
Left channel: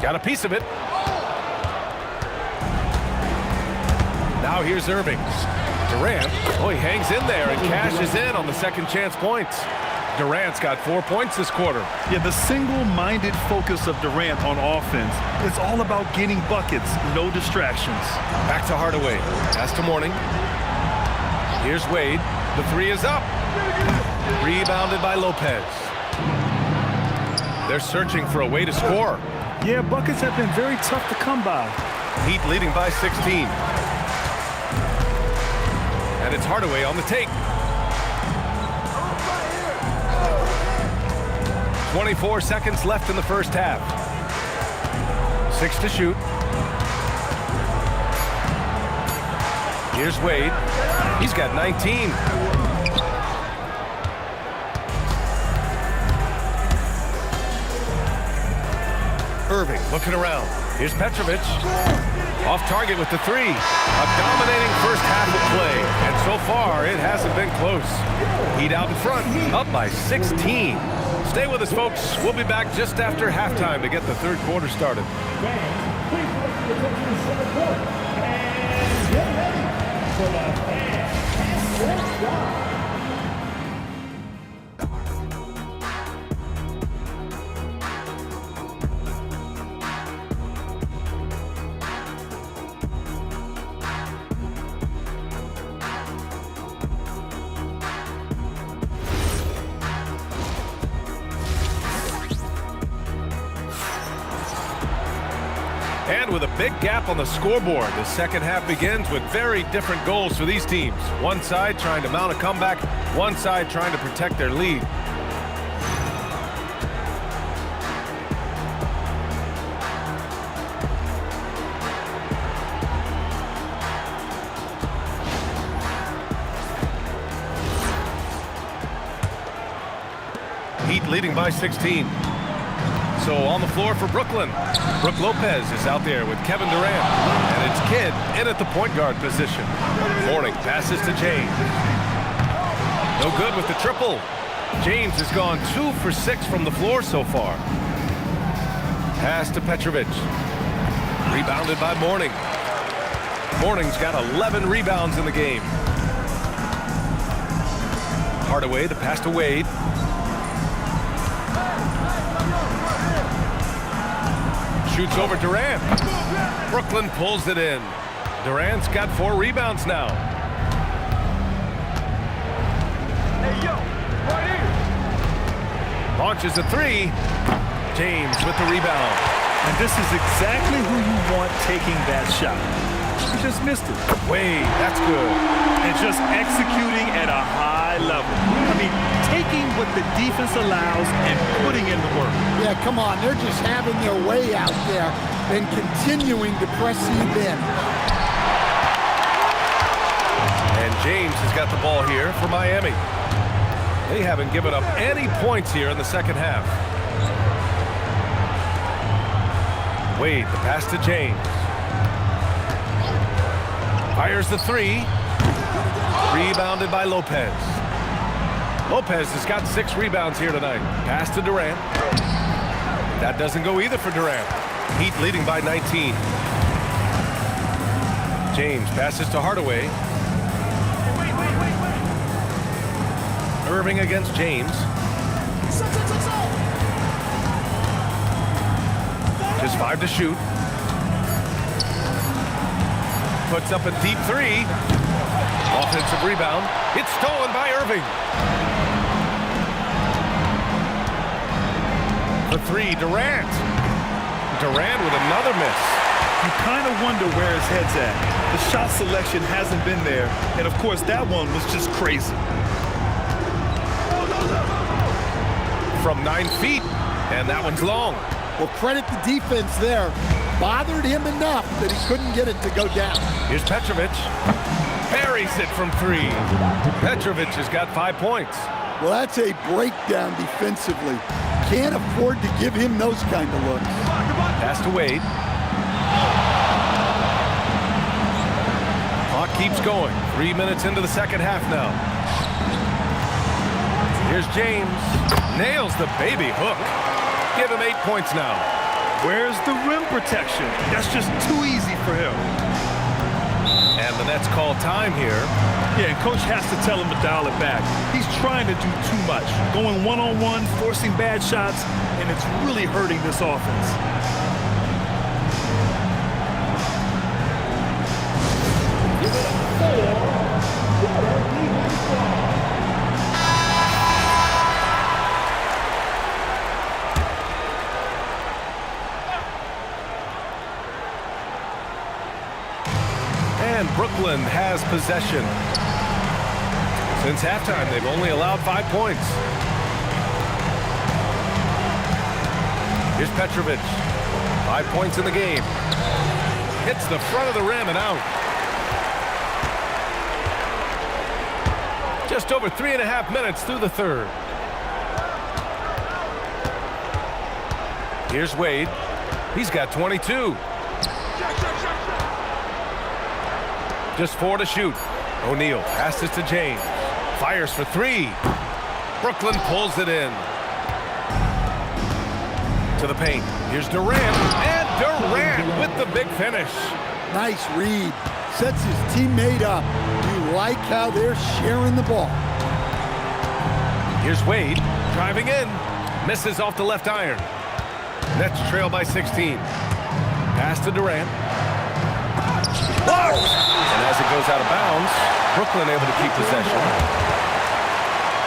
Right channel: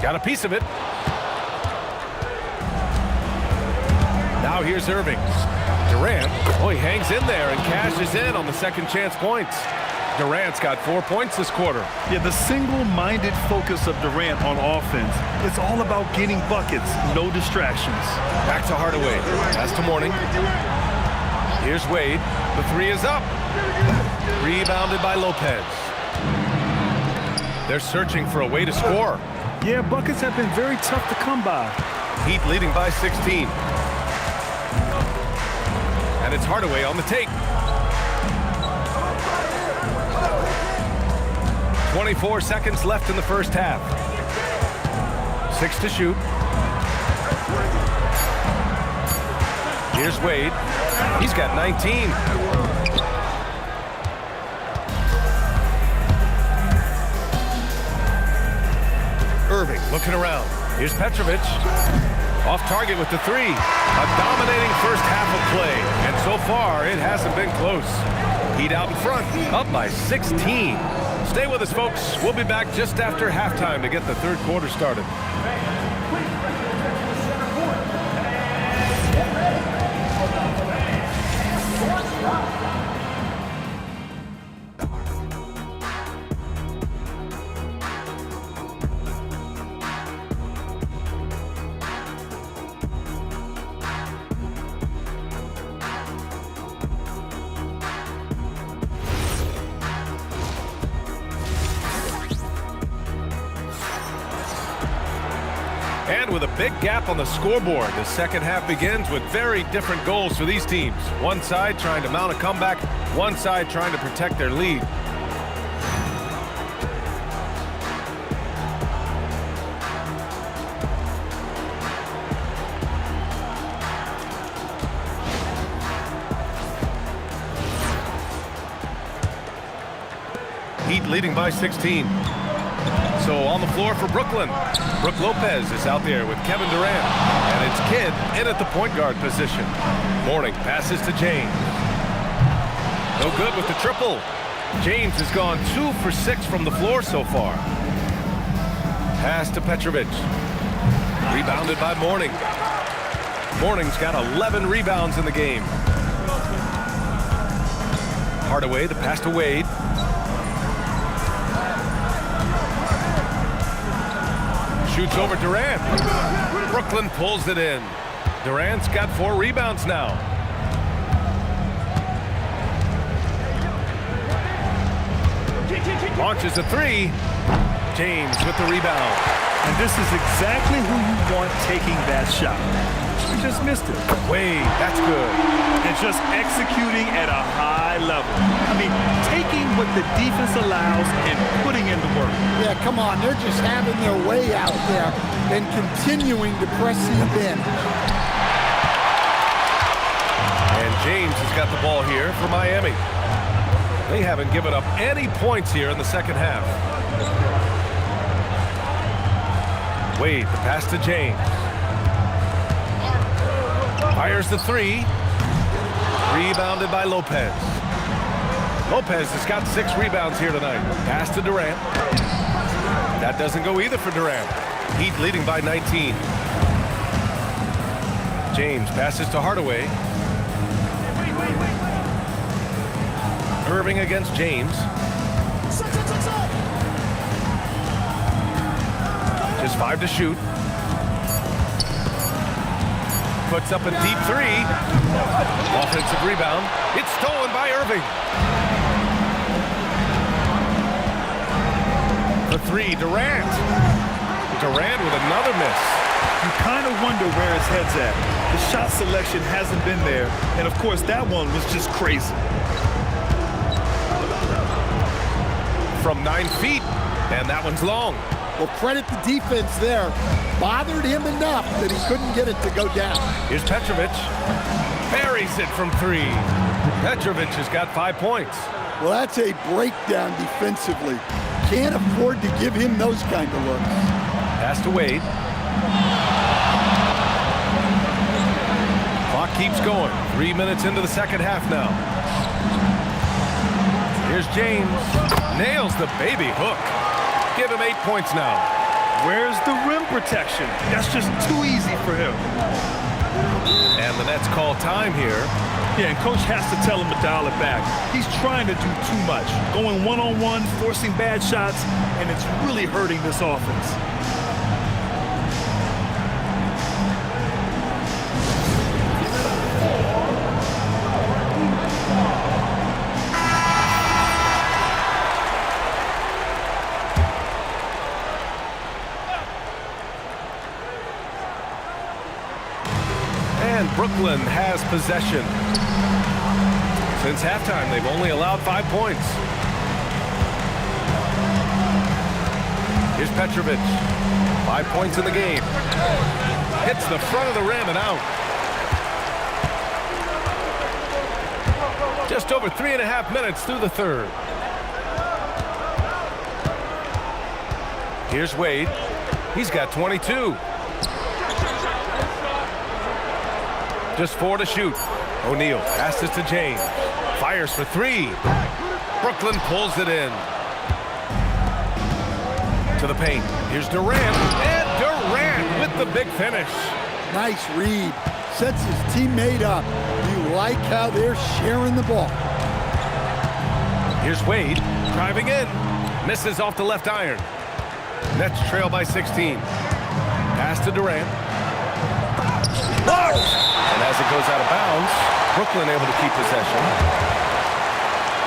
Got a piece of it. Now here's Irving. Durant, he hangs in there and cashes in on the second chance points. Durant's got 4 points this quarter. Yeah, the single-minded focus of Durant on offense is all about getting buckets, no distractions. Back to Hardaway. Pass to Mourning. Here's Wade. The 3 is up. Rebounded by Lopez. They're searching for a way to score. Yeah, buckets have been very tough to come by. Heat leading by 16. And it's Hardaway on the take. 24 seconds left in the first half. 6 to shoot. Here's Wade. He's got 19. Irving looking around. Here's Petrovic. Off target with the 3. A dominating first half of play. And so far, it hasn't been close. Heat out in front, up by 16. Stay with us, folks. We'll be back just after halftime to get the third quarter started. Please direct your attention to center court. And get ready for the fans and your shot. And with a big gap on the scoreboard, the second half begins with very different goals for these teams. One side trying to mount a comeback, one side trying to protect their lead. Heat leading by 16. So on the floor for Brooklyn, Brook Lopez is out there with Kevin Durant. And it's Kidd in at the point guard position. Mourning passes to James. No good with the triple. James has gone 2 for 6 from the floor so far. Pass to Petrovic. Rebounded by Mourning. Mourning's got 11 rebounds in the game. Hardaway, the pass to Wade. Shoots over Durant. Brooklyn pulls it in. Durant's got 4 rebounds now. Launches a 3. James with the rebound. And this is exactly who you want taking that shot. He just missed it. Wade, that's good. And just executing at a high level. I mean, taking what the defense allows and putting in the work. Yeah, come on. They're just having their way out there and continuing to press the advantage. And James has got the ball here for Miami. They haven't given up any points here in the second half. Wade, the pass to James. Fires the 3. Rebounded by Lopez. Lopez has got 6 rebounds here tonight. Pass to Durant. That doesn't go either for Durant. Heat leading by 19. James passes to Hardaway. Irving against James. Just 5 to shoot. Puts up a deep 3. Offensive rebound. It's stolen by Irving. The 3, Durant. Durant with another miss. You kind of wonder where his head's at. The shot selection hasn't been there, and of course that one was just crazy. From 9 feet, and that one's long. Well, credit the defense there. Bothered him enough that he couldn't get it to go down. Here's Petrovic. Buries it from 3. Petrovic has got 5 points. Well, that's a breakdown defensively. Can't afford to give him those kind of looks. Pass to Wade. Clock keeps going. 3 minutes into the second half now. Here's James. Nails the baby hook. Give him 8 points now. Where's the rim protection? That's just too easy for him. And the Nets call time here. Yeah, and coach has to tell him to dial it back. He's trying to do too much. Going one-on-one, forcing bad shots, and it's really hurting this offense. And Brooklyn has possession. Since halftime, they've only allowed 5 points. Here's Petrovic. 5 points in the game. Hits the front of the rim and out. Just over 3.5 minutes through the third. Here's Wade. He's got 22. Just 4 to shoot. O'Neal passes to James. Fires for 3. Brooklyn pulls it in. To the paint. Here's Durant. And Durant with the big finish. Nice read. Sets his teammate up. You like how they're sharing the ball. Here's Wade. Driving in. Misses off the left iron. Nets trail by 16. Pass to Durant. Blocked! And as it goes out of bounds, Brooklyn able to keep possession.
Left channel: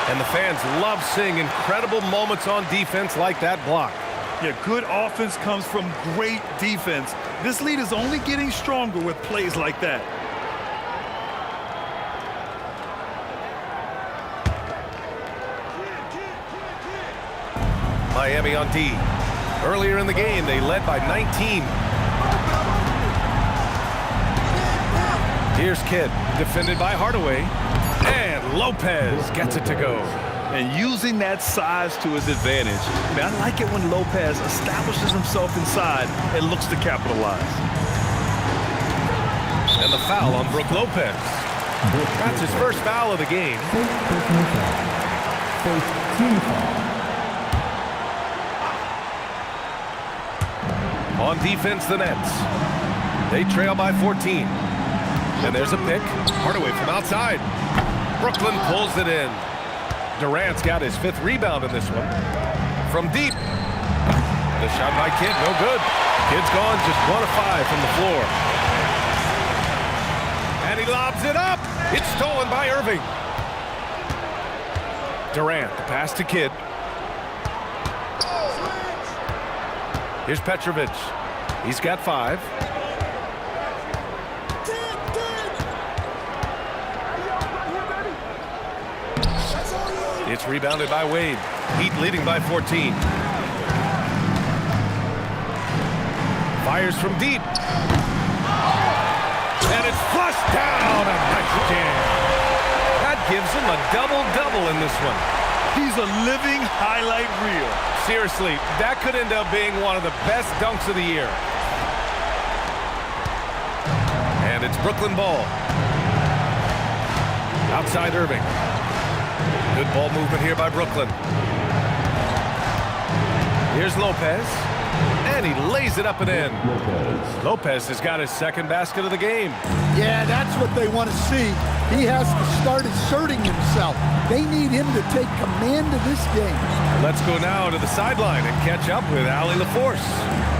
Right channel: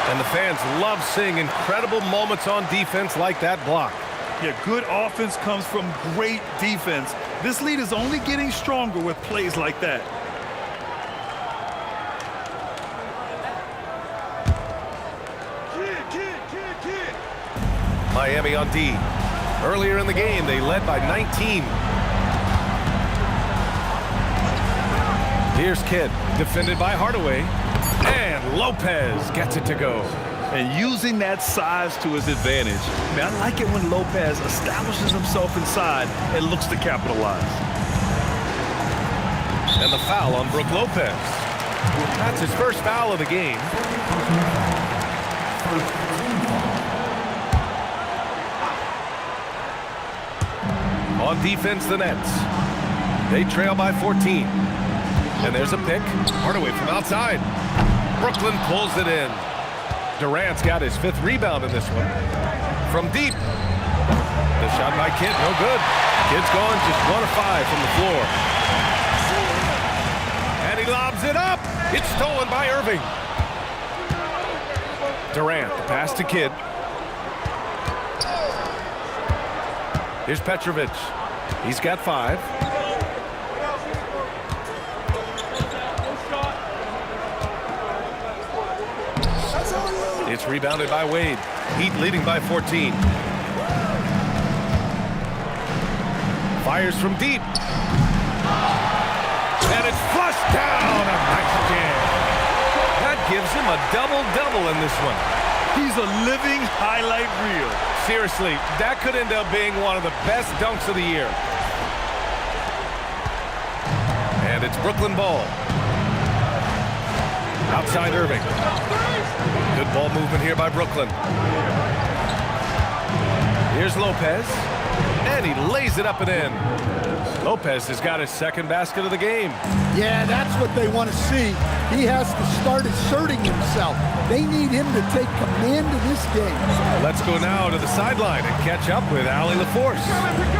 And the fans love seeing incredible moments on defense like that block. Yeah, good offense comes from great defense. This lead is only getting stronger with plays like that. Miami on D. Earlier in the game, they led by 19. Here's Kidd, defended by Hardaway. And Lopez gets it to go. And using that size to his advantage. I mean, I like it when Lopez establishes himself inside and looks to capitalize. And the foul on Brook Lopez. That's his first foul of the game. First team foul. On defense, the Nets. They trail by 14. And there's a pick. Hardaway from outside. Brooklyn pulls it in. Durant's got his 5th rebound in this one. From deep. The shot by Kidd, no good. Kidd's gone just 1 of 5 from the floor. And he lobs it up. It's stolen by Irving. Durant, the pass to Kidd. Here's Petrovic. He's got 5. It's rebounded by Wade. Heat leading by 14. Fires from deep. And it's flushed down. A nice jam. That gives him a double-double in this one. He's a living highlight reel. Seriously, that could end up being one of the best dunks of the year. And it's Brooklyn ball. Outside Irving. Good ball movement here by Brooklyn. Here's Lopez, and he lays it up and in. Lopez has got his second basket of the game. Yeah, that's what they want to see. He has to start asserting himself. They need him to take command of this game. Let's go now to the sideline and catch up with Allie LaForce.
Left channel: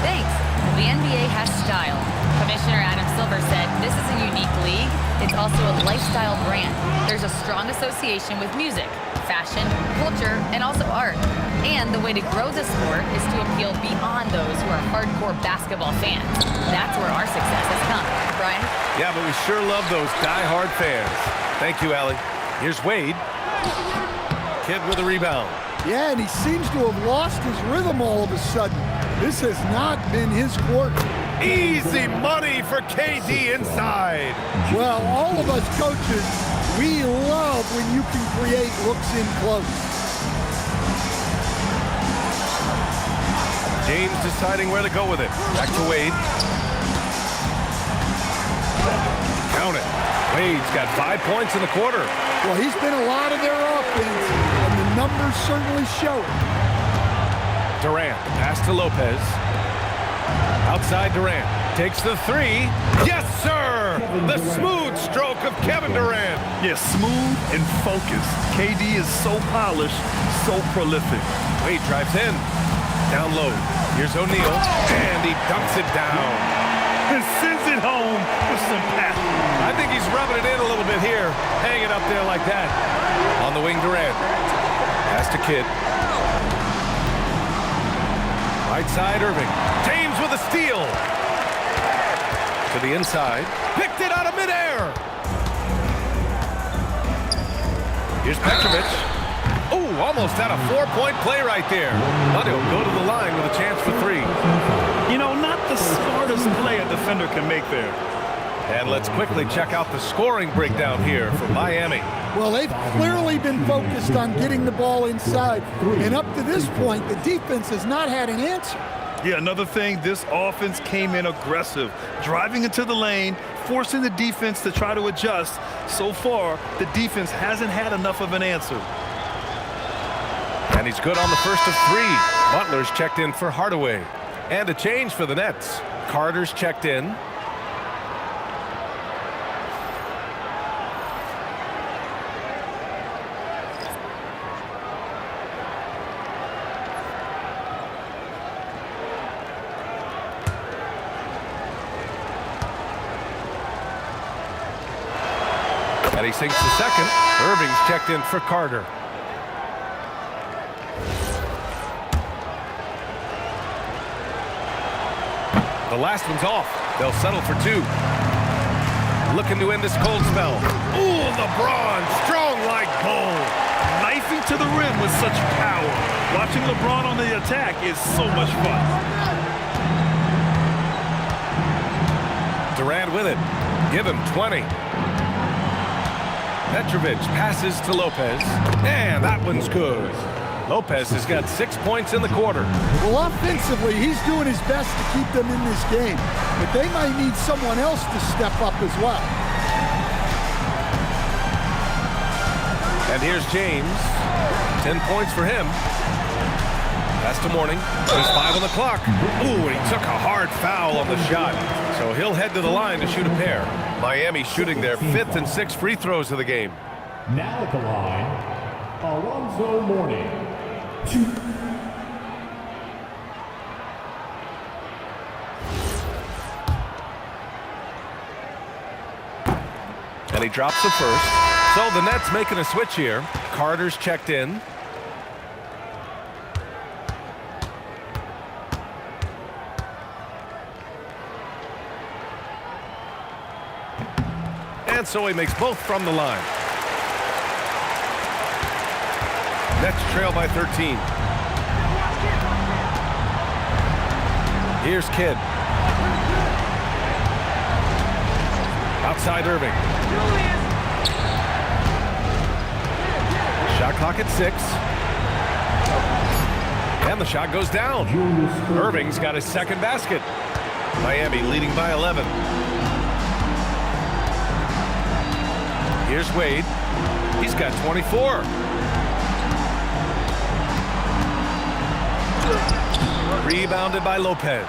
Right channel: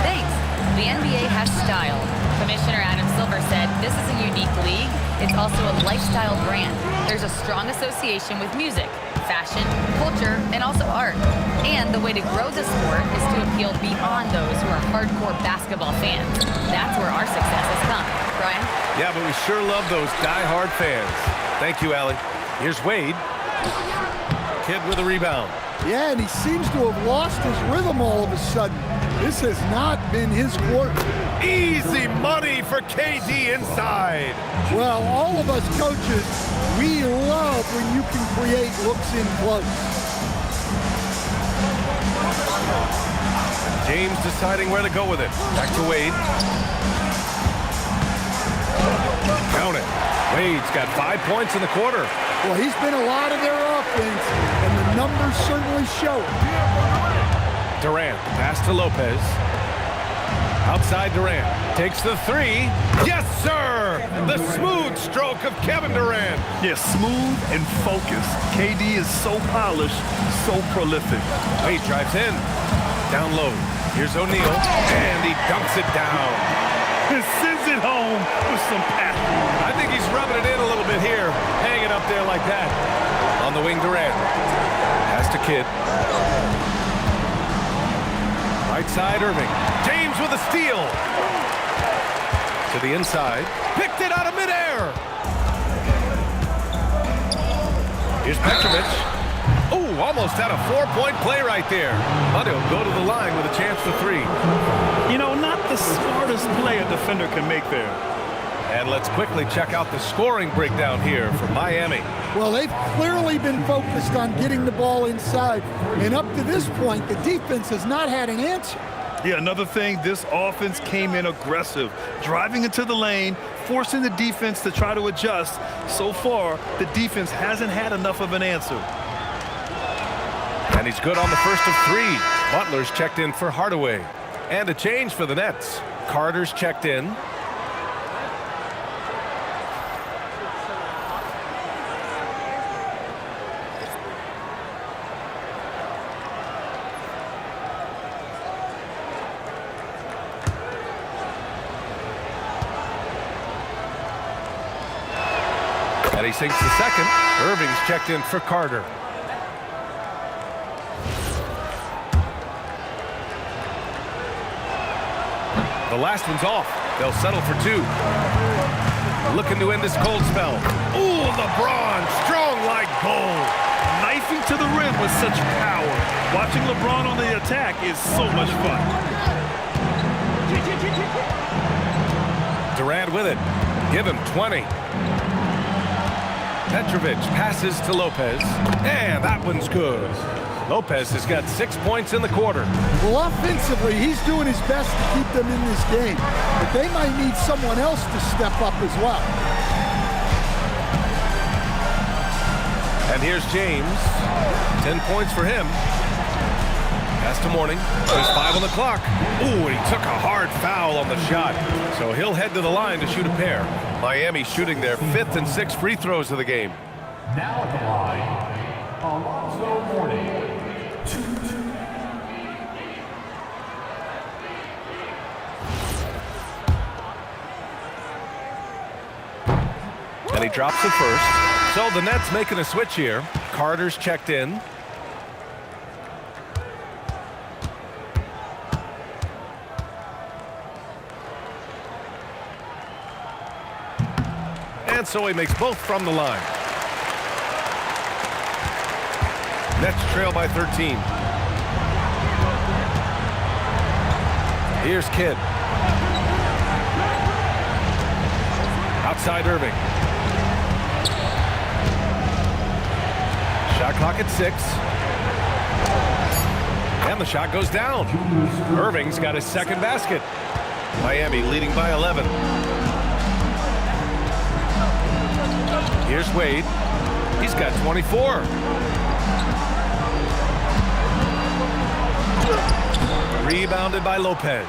Thanks. The NBA has style. Commissioner Adam Silver said, this is a unique league. It's also a lifestyle brand. There's a strong association with music, fashion, culture, and also art. And the way to grow the sport is to appeal beyond those who are hardcore basketball fans. That's where our success has come. Brian? Yeah, but we sure love those die-hard fans. Thank you, Allie. Here's Wade. Kidd with a rebound. Yeah, and he seems to have lost his rhythm all of a sudden. This has not been his quarter. Easy money for KD inside. Well, all of us coaches, we love when you can create looks in close. James deciding where to go with it. Back to Wade. Count it. Wade's got 5 points in the quarter. Well, he's been a lot of their offense, and the numbers certainly show it. Durant, the pass to Lopez. Outside Durant. Takes the three. Yes, sir! The smooth stroke of Kevin Durant. Yeah, smooth and focused. KD is so polished, so prolific. Wade drives in. Down low. Here's O'Neal, and he dunks it down. And sends it home with some passion. I think he's rubbing it in a little bit here. Hang it up there like that. On the wing, Durant. Pass to Kidd. Right side, Irving. James with a steal. To the inside. Picked it out of midair. Here's Petrovic. Oh, almost had a 4-point play right there. But he'll go to the line with a chance for three. You know, not the smartest play a defender can make there. And let's quickly check out the scoring breakdown here for Miami. Well, they've clearly been focused on getting the ball inside. And up to this point, the defense has not had an answer. Yeah, another thing, this offense came in aggressive, driving into the lane, forcing the defense to try to adjust. So far, the defense hasn't had enough of an answer. And he's good on the first of three. Butler's checked in for Hardaway. And a change for the Nets. Carter's checked in. And he sinks the second. Irving's checked in for Carter. The last one's off. They'll settle for two. Looking to end this cold spell. Ooh, LeBron, strong like bull. Knifing to the rim with such power. Watching LeBron on the attack is so much fun. Durant with it. Give him 20. Petrovic passes to Lopez. And that one's good. Lopez has got 6 points in the quarter. Well, offensively, he's doing his best to keep them in this game. But they might need someone else to step up as well. And here's James. 10 points for him. Pass to Mourning. There's 5 on the clock. Ooh, and he took a hard foul on the shot. So he'll head to the line to shoot a pair. Miami shooting their 5th and 6th free throws of the game. Now at the line, Alonzo Mourning. And he drops the first. So the Nets making a switch here. Carter's checked in. And so he makes both from the line. Nets trail by 13. Here's Kidd. Outside Irving. Shot clock at 6. And the shot goes down. Irving's got his second basket. Miami leading by 11. Here's Wade. He's got 24. Rebounded by Lopez.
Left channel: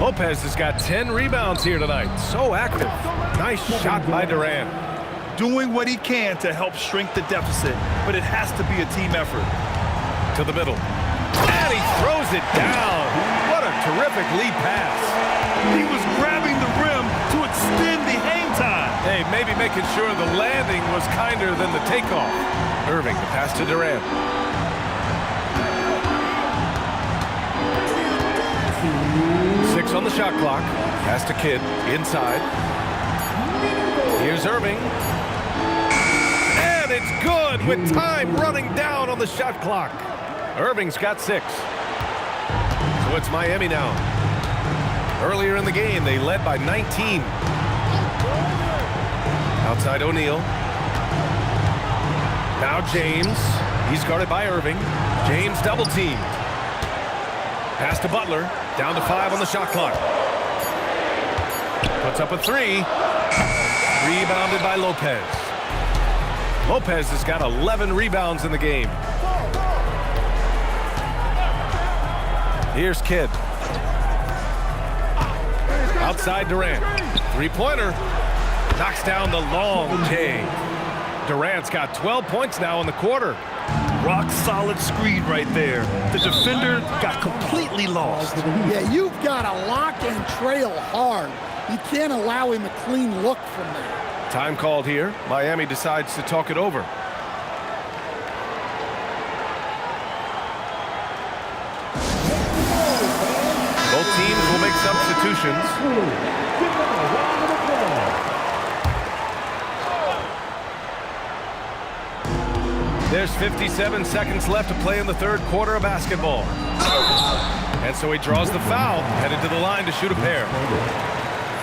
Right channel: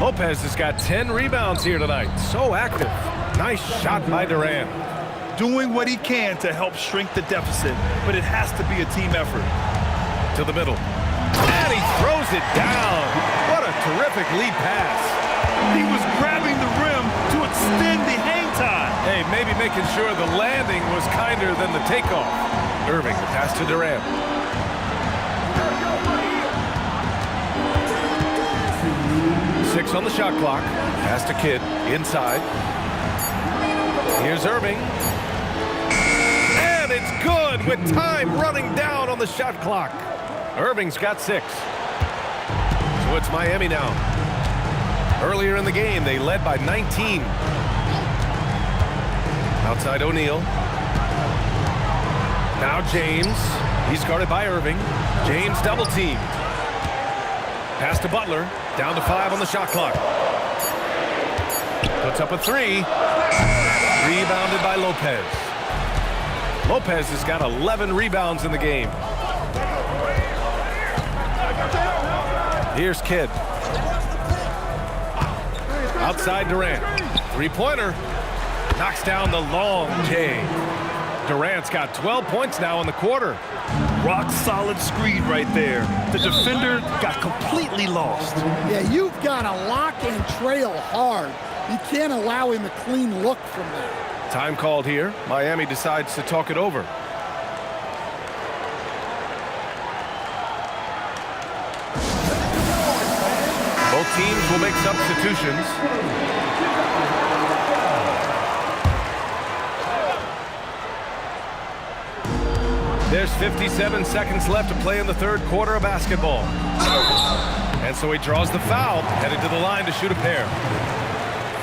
Lopez has got 10 rebounds here tonight. So active. Nice shot by Durant. Doing what he can to help shrink the deficit, but it has to be a team effort. To the middle. And he throws it down. What a terrific lead pass. He was grabbing the rim to extend the hang time. Hey, maybe making sure the landing was kinder than the takeoff. Irving, the pass to Durant. Six on the shot clock. Pass to Kidd. Inside. Here's Irving. And it's good with time running down on the shot clock. Irving's got 6. So it's Miami now. Earlier in the game, they led by 19. Outside O'Neal. Now James. He's guarded by Irving. James double teamed. Pass to Butler. Down to 5 on the shot clock. Puts up a 3. Rebounded by Lopez. Lopez has got 11 rebounds in the game. Here's Kidd. Outside Durant. Three-pointer. Knocks down the long J. Durant's got 12 points now in the quarter. Rock solid screen right there. The defender got completely lost. Yeah, you've got to lock and trail hard. You can't allow him a clean look from there. Time called here. Miami decides to talk it over. Both teams will make substitutions. There's 57 seconds left to play in the third quarter of basketball. And so he draws the foul, headed to the line to shoot a pair.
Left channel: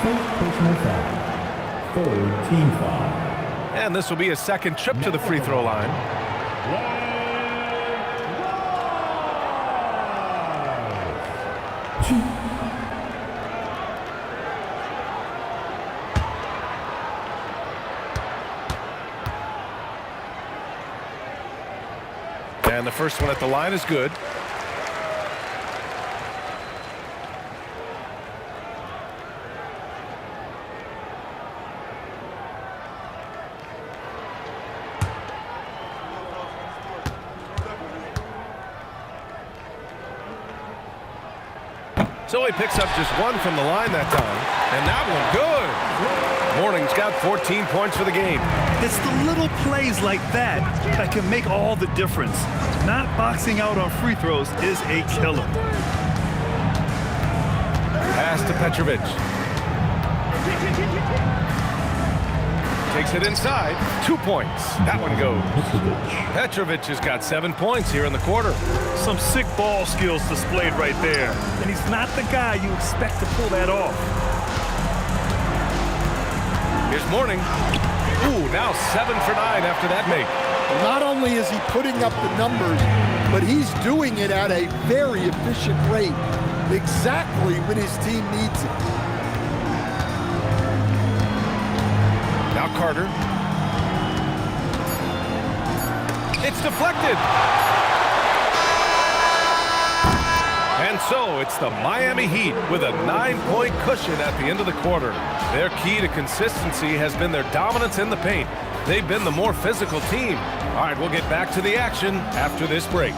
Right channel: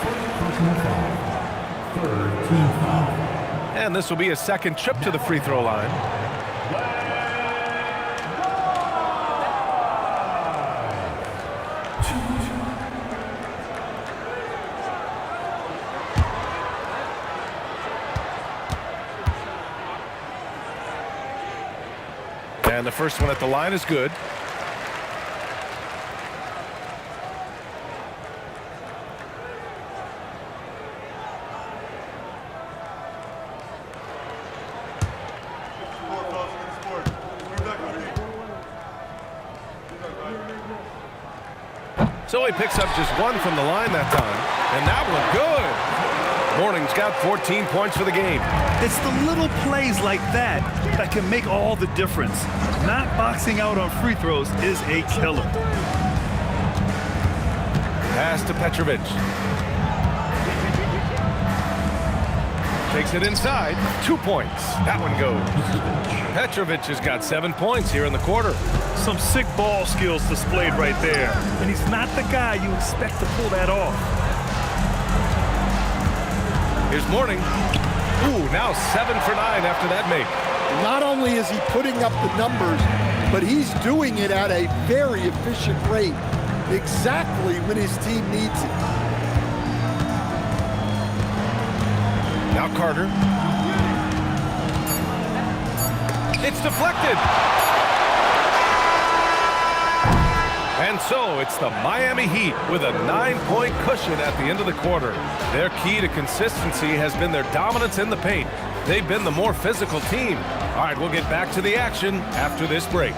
First personal foul. Third team foul. And this will be a second trip to the free throw line. And the first one at the line is good. So he picks up just 1 from the line that time. And that one good. Mourning's got 14 points for the game. It's the little plays like that that can make all the difference. Not boxing out on free throws is a killer. Pass to Petrovic. Takes it inside. 2 points. That one goes. Petrovic has got 7 points here in the quarter. Some sick ball skills displayed right there. And he's not the guy you expect to pull that off. Here's Mourning. Ooh, now 7 for 9 after that make. Not only is he putting up the numbers, but he's doing it at a very efficient rate, exactly when his team needs it. Now Carter. It's deflected. And so it's the Miami Heat with a 9-point cushion at the end of the quarter. Their key to consistency has been their dominance in the paint. They've been the more physical team. All right, we'll get back to the action after this break.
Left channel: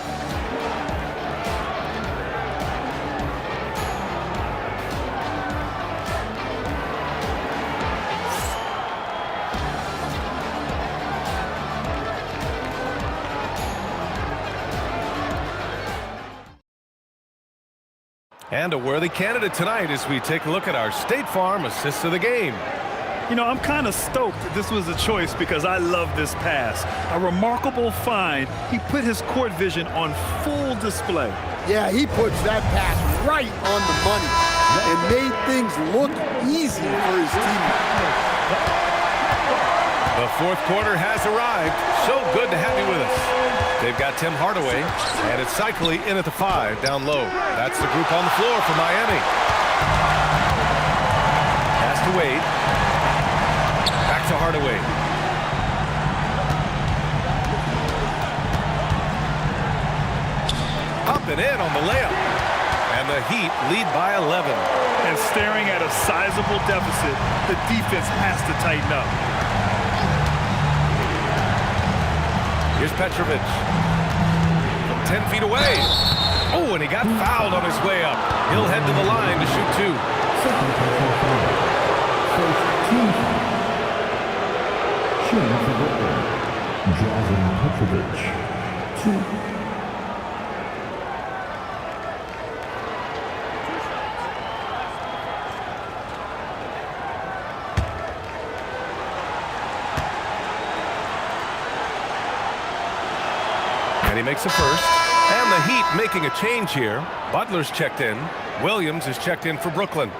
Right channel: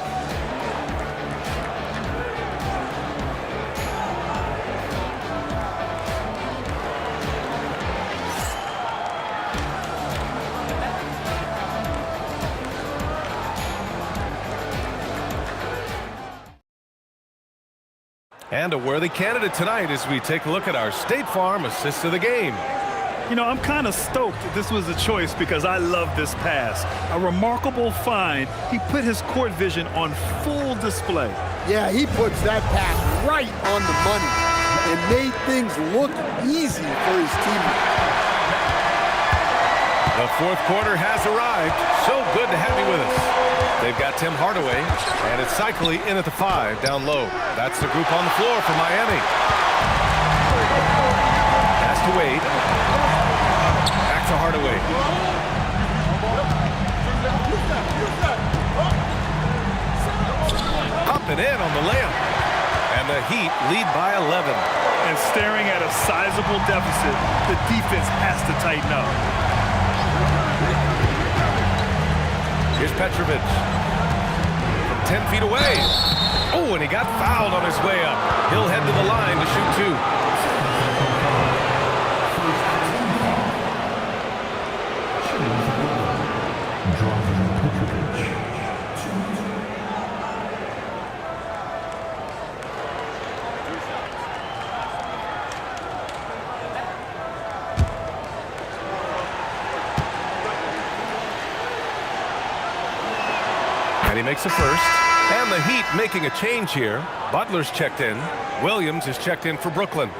And a worthy candidate tonight as we take a look at our State Farm assist of the game. You know, I'm kind of stoked that this was a choice because I love this pass. A remarkable find. He put his court vision on full display. Yeah, he puts that pass right on the money and made things look easy for his teammates. The fourth quarter has arrived. So good to have you with us. They've got Tim Hardaway, and it's Cycli in at the 5 down low. That's the group on the floor for Miami. Pass to Wade. Back to Hardaway. Up and in on the layup. And the Heat lead by 11. And staring at a sizable deficit, the defense has to tighten up. Here's Petrovic from 10 feet away. Oh, and he got fouled on his way up. He'll head to the line to shoot 2. First team foul. Shooting for Brooklyn. Drazen Petrovic. 2. And he makes a first. And the Heat making a change here. Butler's checked in. Williams is checked in for Brooklyn.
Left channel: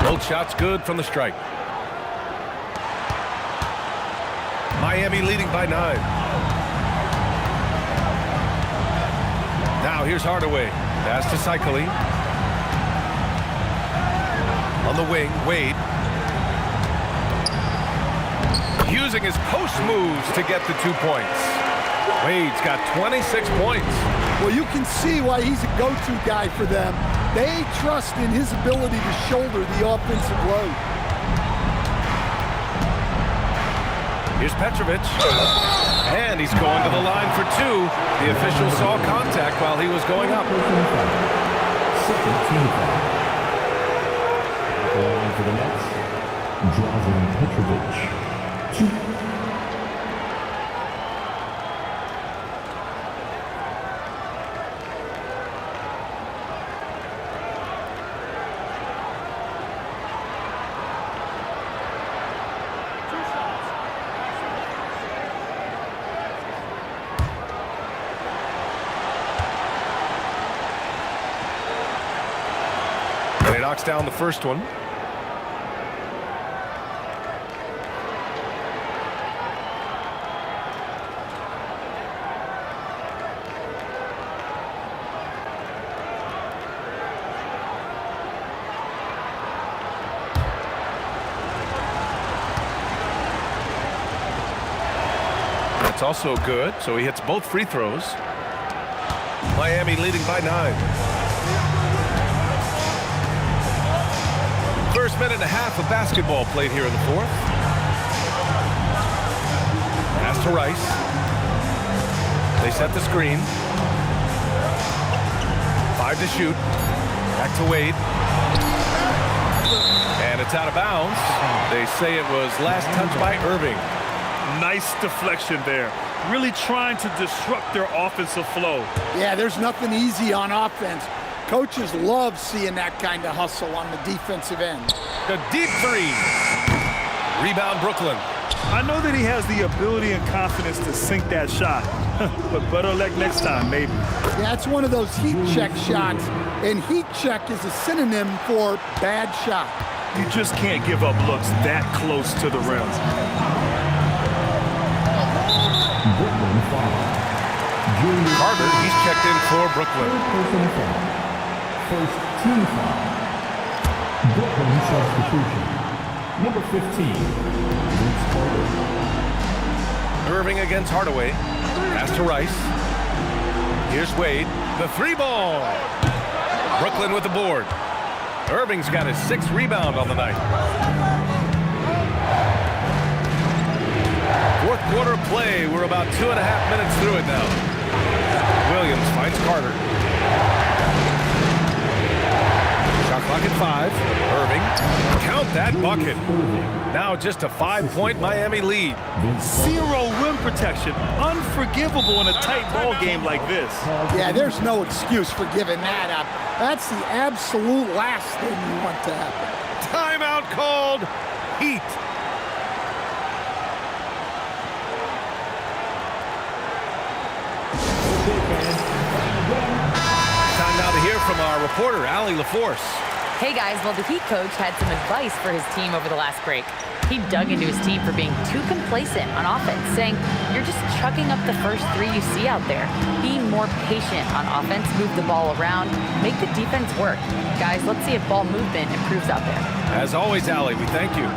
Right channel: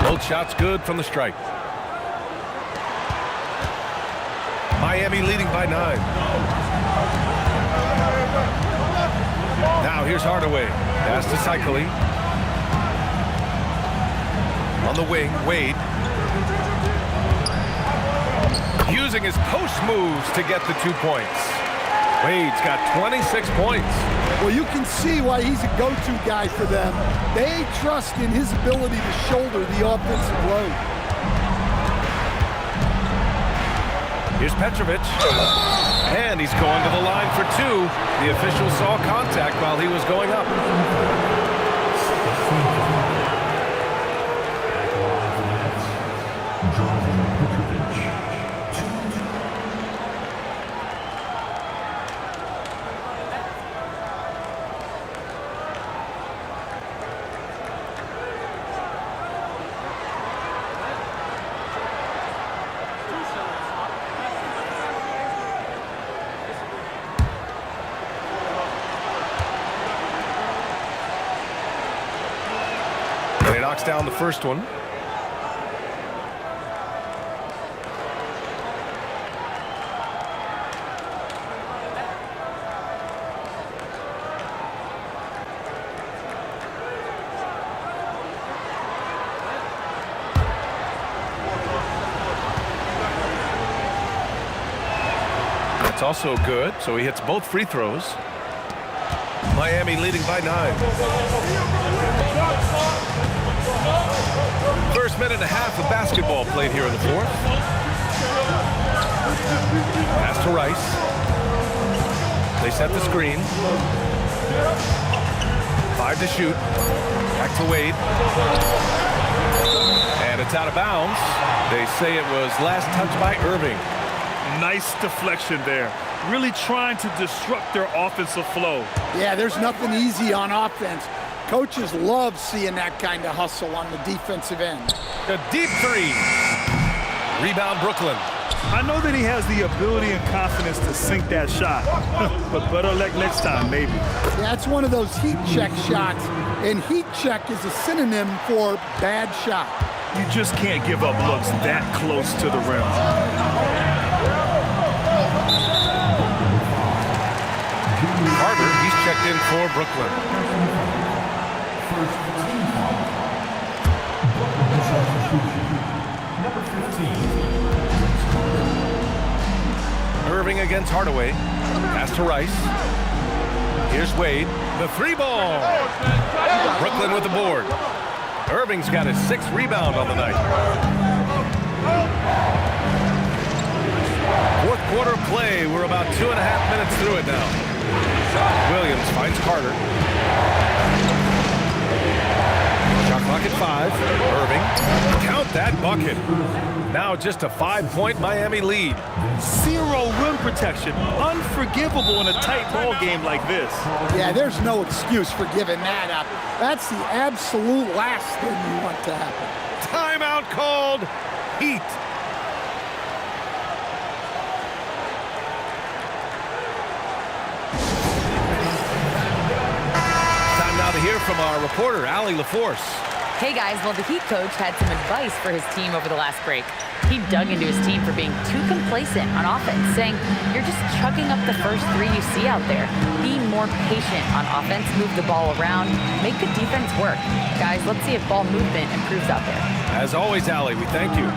Both shots good from the stripe. Miami leading by 9. Now here's Hardaway. Pass to Cycli. On the wing, Wade. Using his post moves to get the 2 points. Wade's got 26 points. Well, you can see why he's a go-to guy for them. They trust in his ability to shoulder the offensive load. Here's Petrovic. And he's going to the line for 2. The official saw contact while he was going up. Second team foul. At the line for the Nets. Drazen Petrovic. 2. And he knocks down the first one. That's also good, so he hits both free throws. Miami leading by 9. First minute and a half of basketball played here in the 4th. Pass to Rice. They set the screen. 5 to shoot. Back to Wade. And it's out of bounds. They say it was last touched by Irving. Nice deflection there. Really trying to disrupt their offensive flow. Yeah, there's nothing easy on offense. Coaches love seeing that kind of hustle on the defensive end. A deep 3. Rebound Brooklyn. I know that he has the ability and confidence to sink that shot, but better luck next time, maybe. Yeah, it's one of those heat check shots, and heat check is a synonym for bad shot. You just can't give up looks that close to the rim. Brooklyn foul. Julius Carter, he's checked in for Brooklyn. personal foul. First team foul. Brooklyn substitution. Number 15, Vince Carter. Irving against Hardaway. Pass to Rice. Here's Wade. The 3 ball. Brooklyn with the board. Irving's got his 6th rebound on the night. 4th quarter of play. We're about 2.5 minutes through it now. Williams finds Carter. Shot clock at 5. Irving. Count that bucket. Now just a 5-point Miami lead. Zero rim protection. Unforgivable in a tight ball game like this. Yeah, there's no excuse for giving that up. That's the absolute last thing you want to happen. Timeout called. Heat. Time now to hear from our reporter, Allie LaForce. Hey guys, well the Heat coach had some advice for his team over the last break. He dug into his team for being too complacent on offense, saying, "You're just chucking up the first 3 you see out there. Be more patient on offense, move the ball around, make the defense work." Guys, let's see if ball movement improves out there. As always, Allie, we thank you.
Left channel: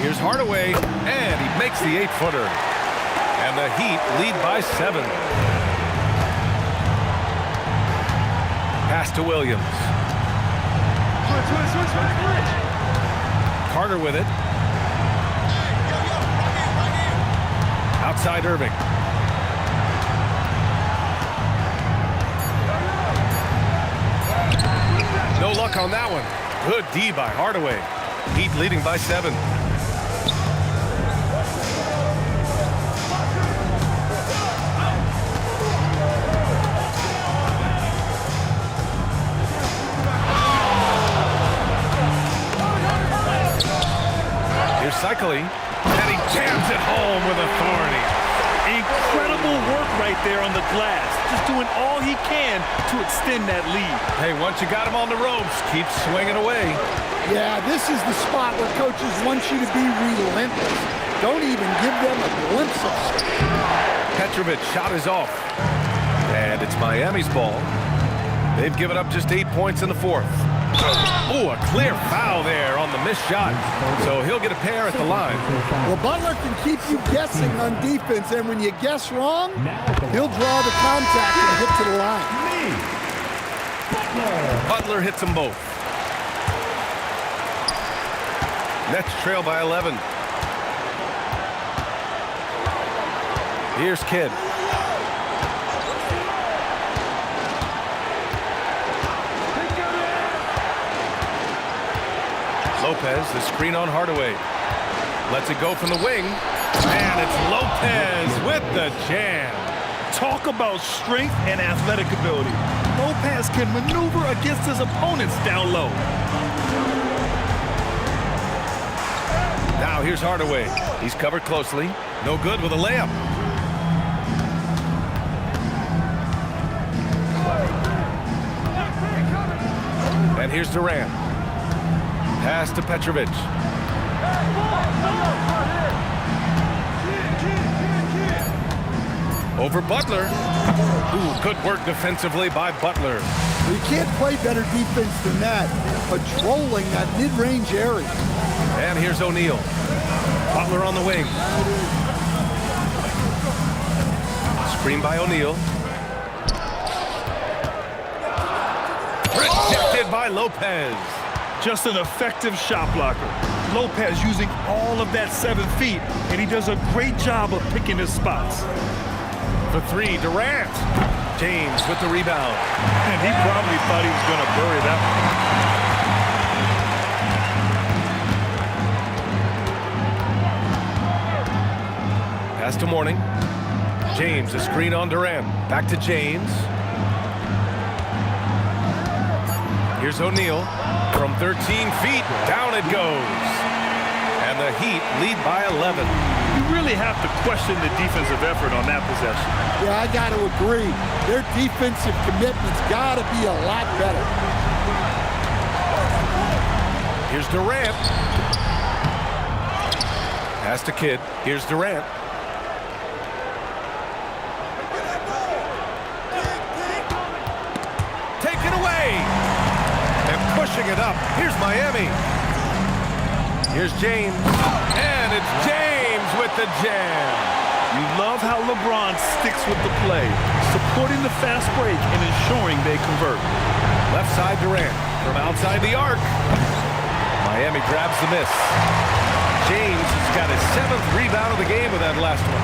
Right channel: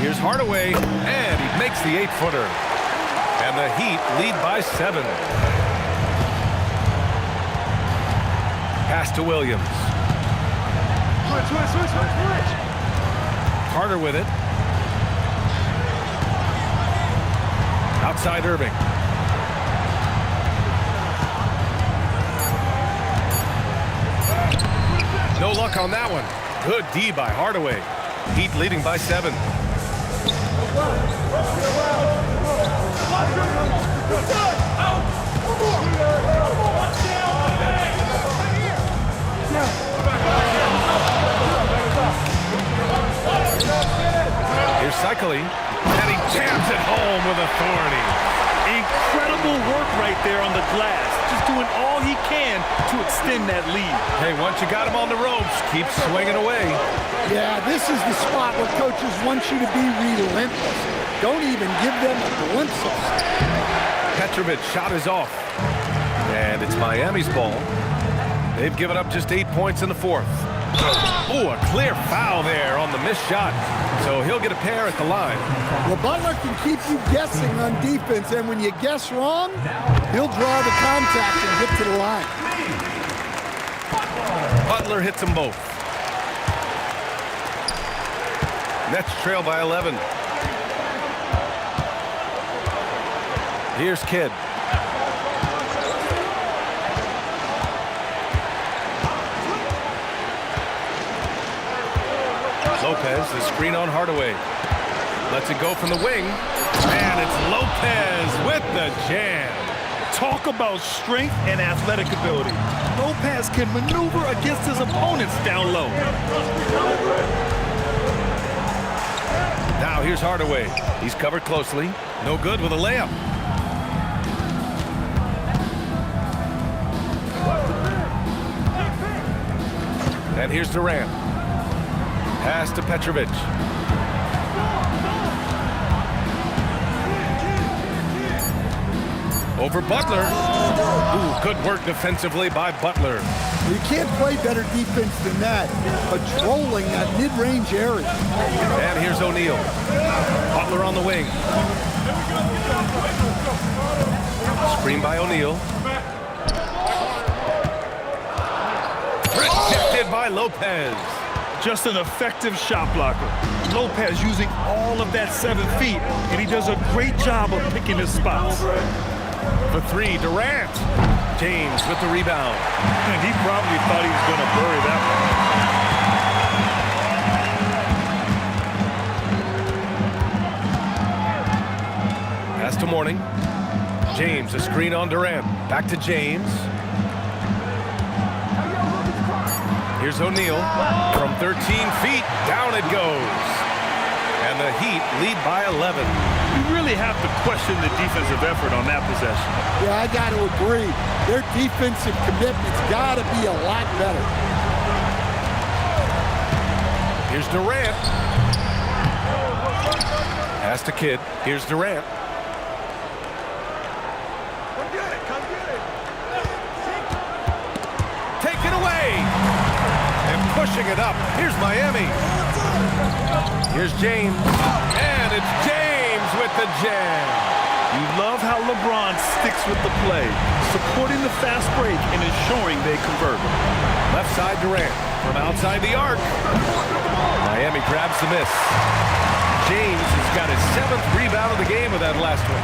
Here's Hardaway, and he makes the 8-footer. And the Heat lead by 7. Pass to Williams. Switch. Carter with it. Outside Irving. No luck on that one. Good D by Hardaway. Heat leading by 7. Here's Cycli, and he jams it home with authority. Incredible work right there on the glass. Just doing all he can to extend that lead. Hey, once you got him on the ropes, keep swinging away. Yeah, this is the spot where coaches want you to be relentless. Don't even give them a glimpse of it. Petrovic shot is off. And it's Miami's ball. They've given up just 8 points in the 4th. Oh, a clear foul there on the missed shot. So he'll get a pair at the line. Well, Butler can keep you guessing on defense, and when you guess wrong, he'll draw the contact and get to the line. Butler hits them both. Nets trail by 11. Here's Kidd. Lopez, the screen on Hardaway. Lets it go from the wing. And it's Lopez with the jam. Talk about strength and athletic ability. Lopez can maneuver against his opponents down low. Now here's Hardaway. He's covered closely. No good with a layup. And here's Durant. Pass to Petrovic. Over Butler. Ooh, good work defensively by Butler. You can't play better defense than that, patrolling that mid-range area. And here's O'Neal. Butler on the wing. Screen by O'Neal. Rejected by Lopez. Just an effective shot blocker. Lopez using all of that 7 feet, and he does a great job of picking his spots. For 3, Durant. James with the rebound. And he probably thought he was going to bury that one. Pass to Mourning. James, a screen on Durant. Back to James. Here's O'Neal. From 13 feet, down it goes. And the Heat lead by 11. You really have to question the defensive effort on that possession. Yeah, I got to agree. Their defensive commitment's got to be a lot better. Here's Durant. Pass to Kidd. Here's Durant. Take it away. And pushing it up. Here's Miami. Here's James. And it's James with the jam. You love how LeBron sticks with the play, supporting the fast break and ensuring they convert. Left side Durant from outside the arc. Miami grabs the miss. James has got his 7th rebound of the game with that last one.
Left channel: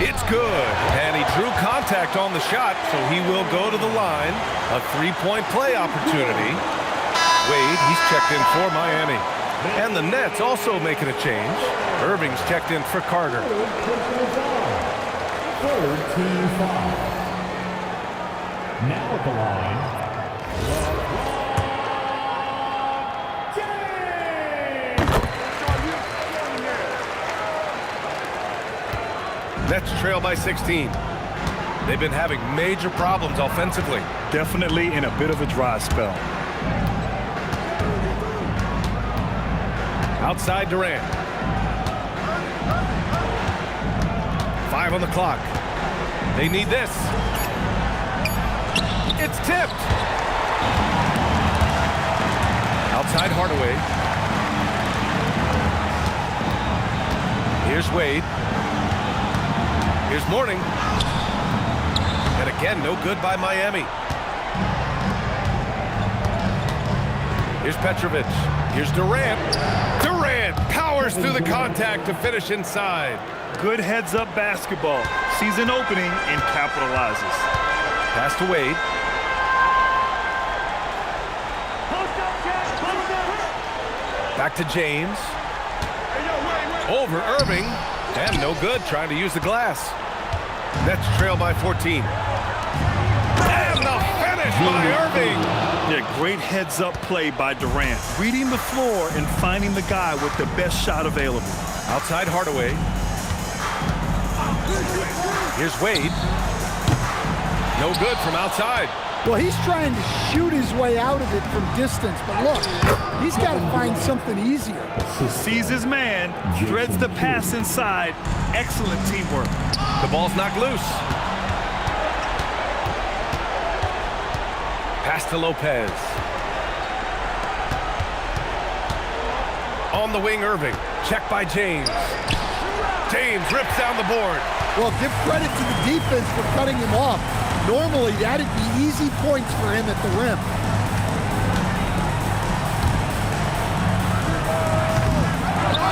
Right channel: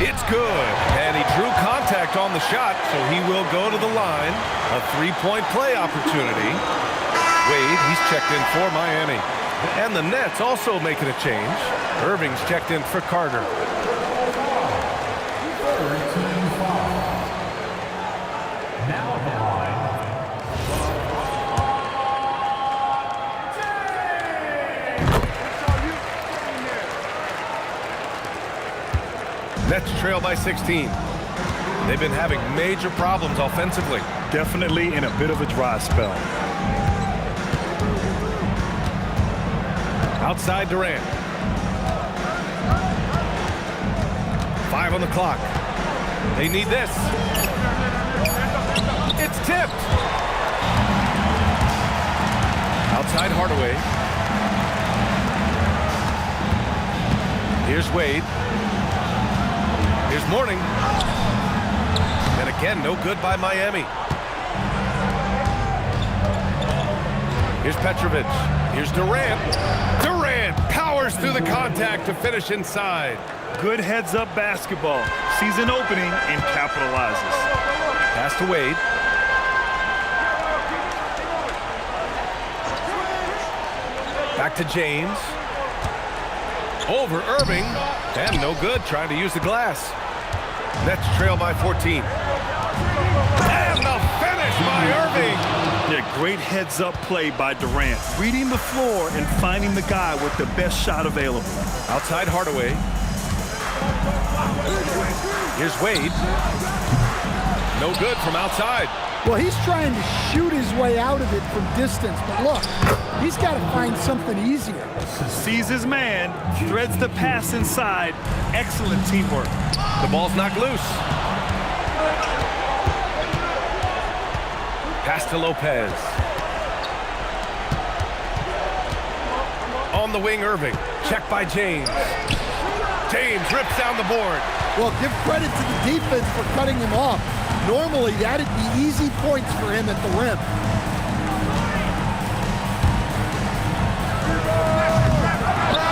It's good. And he drew contact on the shot, so he will go to the line. A 3-point play opportunity. Wade, he's checked in for Miami. And the Nets also making a change. Irving's checked in for Carter. 3rd team foul. Now at the line, Nets trail by 16. They've been having major problems offensively. Definitely in a bit of a dry spell. Outside Durant. 5 on the clock. They need this. It's tipped. Outside Hardaway. Here's Wade. Here's Mourning. And again, no good by Miami. Here's Petrovic. Here's Durant. Durant powers through the contact to finish inside. Good heads-up basketball. Sees an opening and capitalizes. Pass to Wade. Back to James. Over Irving. And no good, trying to use the glass. Nets trail by 14. And the finish by Irving. Yeah, great heads-up play by Durant. Reading the floor and finding the guy with the best shot available. Outside Hardaway. Here's Wade. No good from outside. Well, he's trying to shoot his way out of it from distance, but look, he's got to find something easier. Sees his man, threads the pass inside. Excellent teamwork. The ball's knocked loose. Pass to Lopez. On the wing, Irving. Check by James. James rips down the board. Well, give credit to the defense for cutting him off. Normally, that'd be easy points for him at the rim.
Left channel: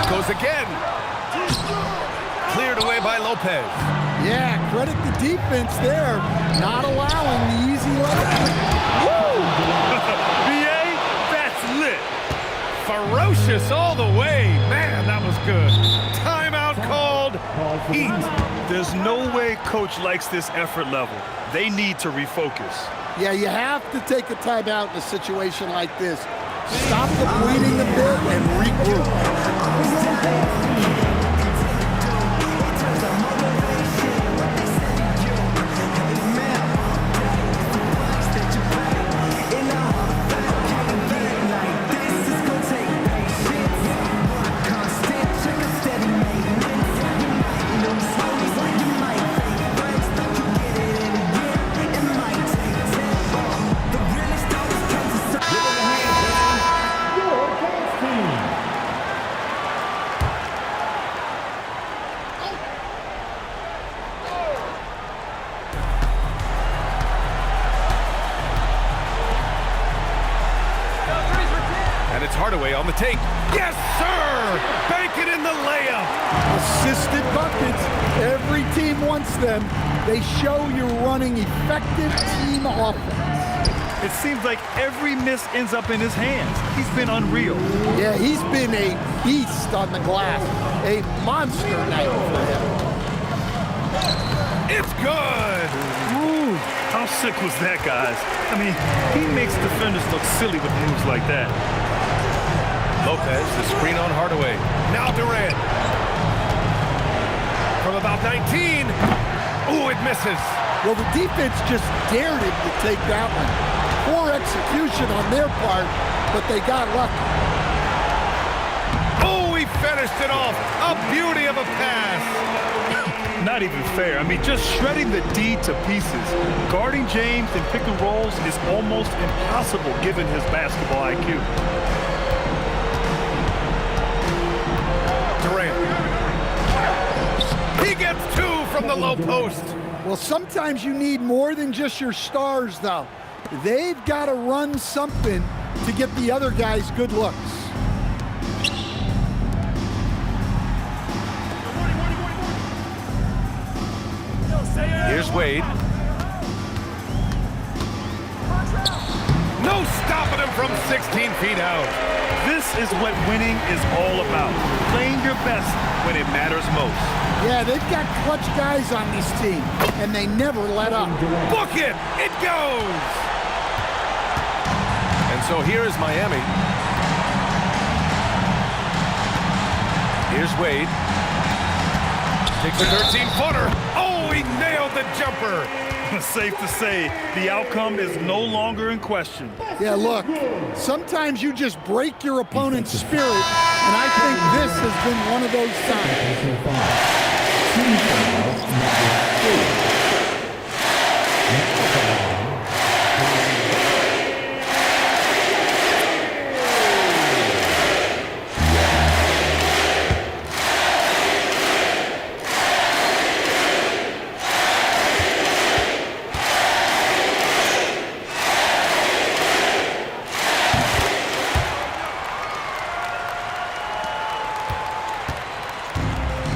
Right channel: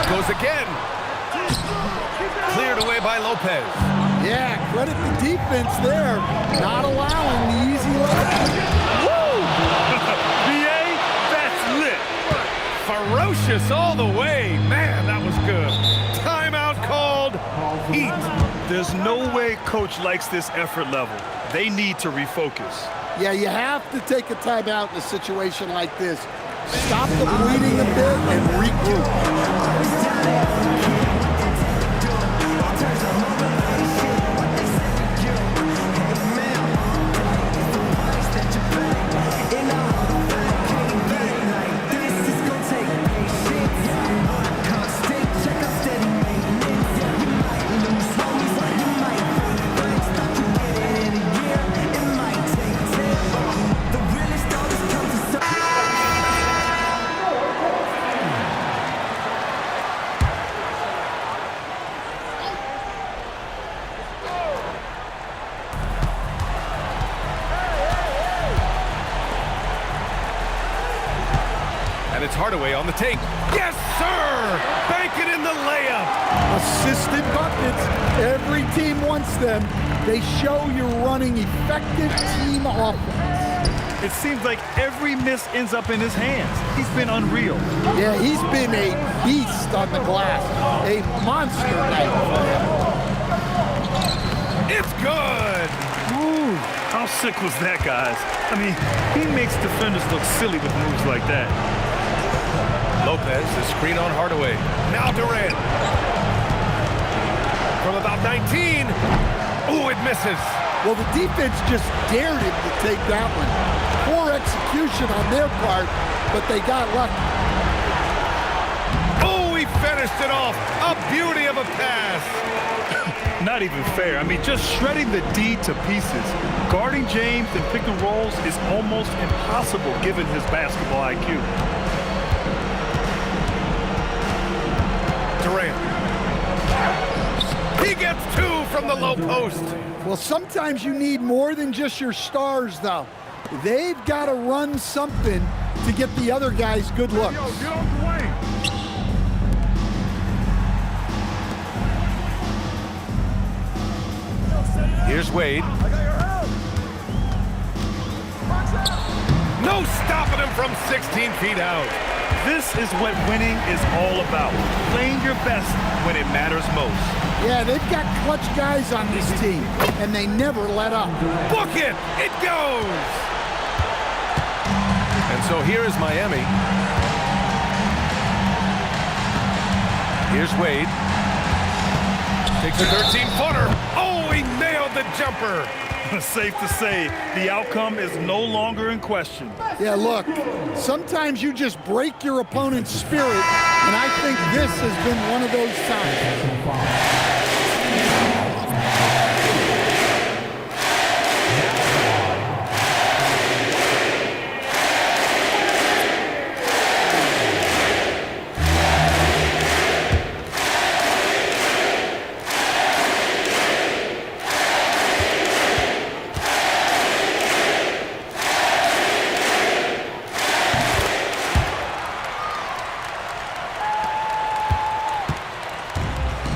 Goes again. Cleared away by Lopez. Yeah, credit the defense there, not allowing the easy layup. Woo! BA, that's lit. Ferocious all the way. Man, that was good. Timeout called. Eat. There's no way coach likes this effort level. They need to refocus. Yeah, you have to take a timeout in a situation like this. Stop the bleeding a bit and regroup. And it's Hardaway on the take. Yes, sir! Bank it in the layup. Assisted buckets. Every team wants them. They show you're running effective team offense. It seems like every miss ends up in his hands. He's been unreal. Yeah, he's been a beast on the glass. A monster night for him. It's good. Ooh, how sick was that, guys? I mean, he makes defenders look silly with moves like that. Lopez, the screen on Hardaway. Now Durant. From about 19. Ooh, it misses. Well, the defense just dared him to take that one. Poor execution on their part, but they got lucky. Oh, he finished it off. A beauty of a pass. Not even fair. I mean, just shredding the D to pieces. Guarding James and pick and rolls is almost impossible given his basketball IQ. Durant. He gets 2 from the low post. Well, sometimes you need more than just your stars, though. They've got to run something to get the other guys good looks. Here's Wade. No stopping him from 16 feet out. This is what winning is all about. Playing your best when it matters most. Yeah, they've got clutch guys on this team, and they never let up. Book it! It goes! And so here is Miami. Here's Wade. Takes a 13-footer. Oh, he nailed the jumper. Safe to say, the outcome is no longer in question. Yeah, look, sometimes you just break your opponent's spirit, and I think this has been one of those times.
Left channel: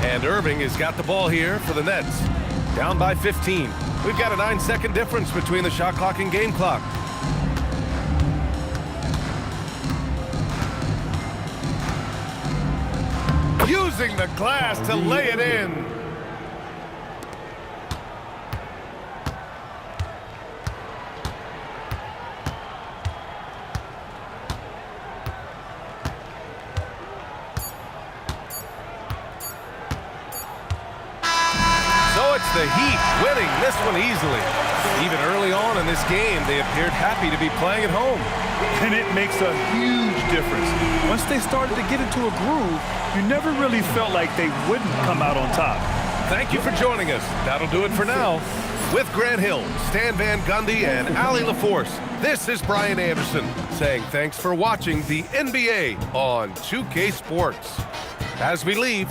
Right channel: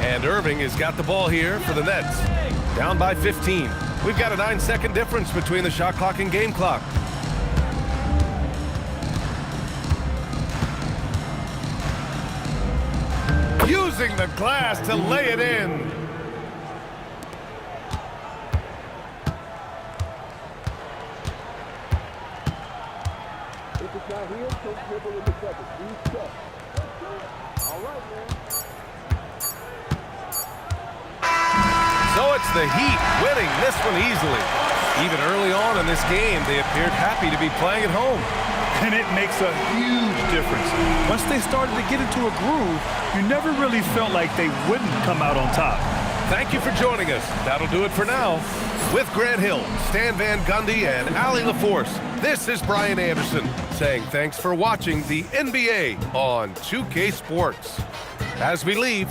And Irving has got the ball here for the Nets. Down by 15. We've got a 9-second difference between the shot clock and game clock. Using the glass to lay it in. So it's the Heat winning this one easily. Even early on in this game, they appeared happy to be playing at home. And it makes a huge difference. Once they started to get into a groove, you never really felt like they wouldn't come out on top. Thank you for joining us. That'll do it for now. With Grant Hill, Stan Van Gundy, and Allie LaForce, this is Brian Anderson saying thanks for watching the NBA on 2K Sports. As we leave,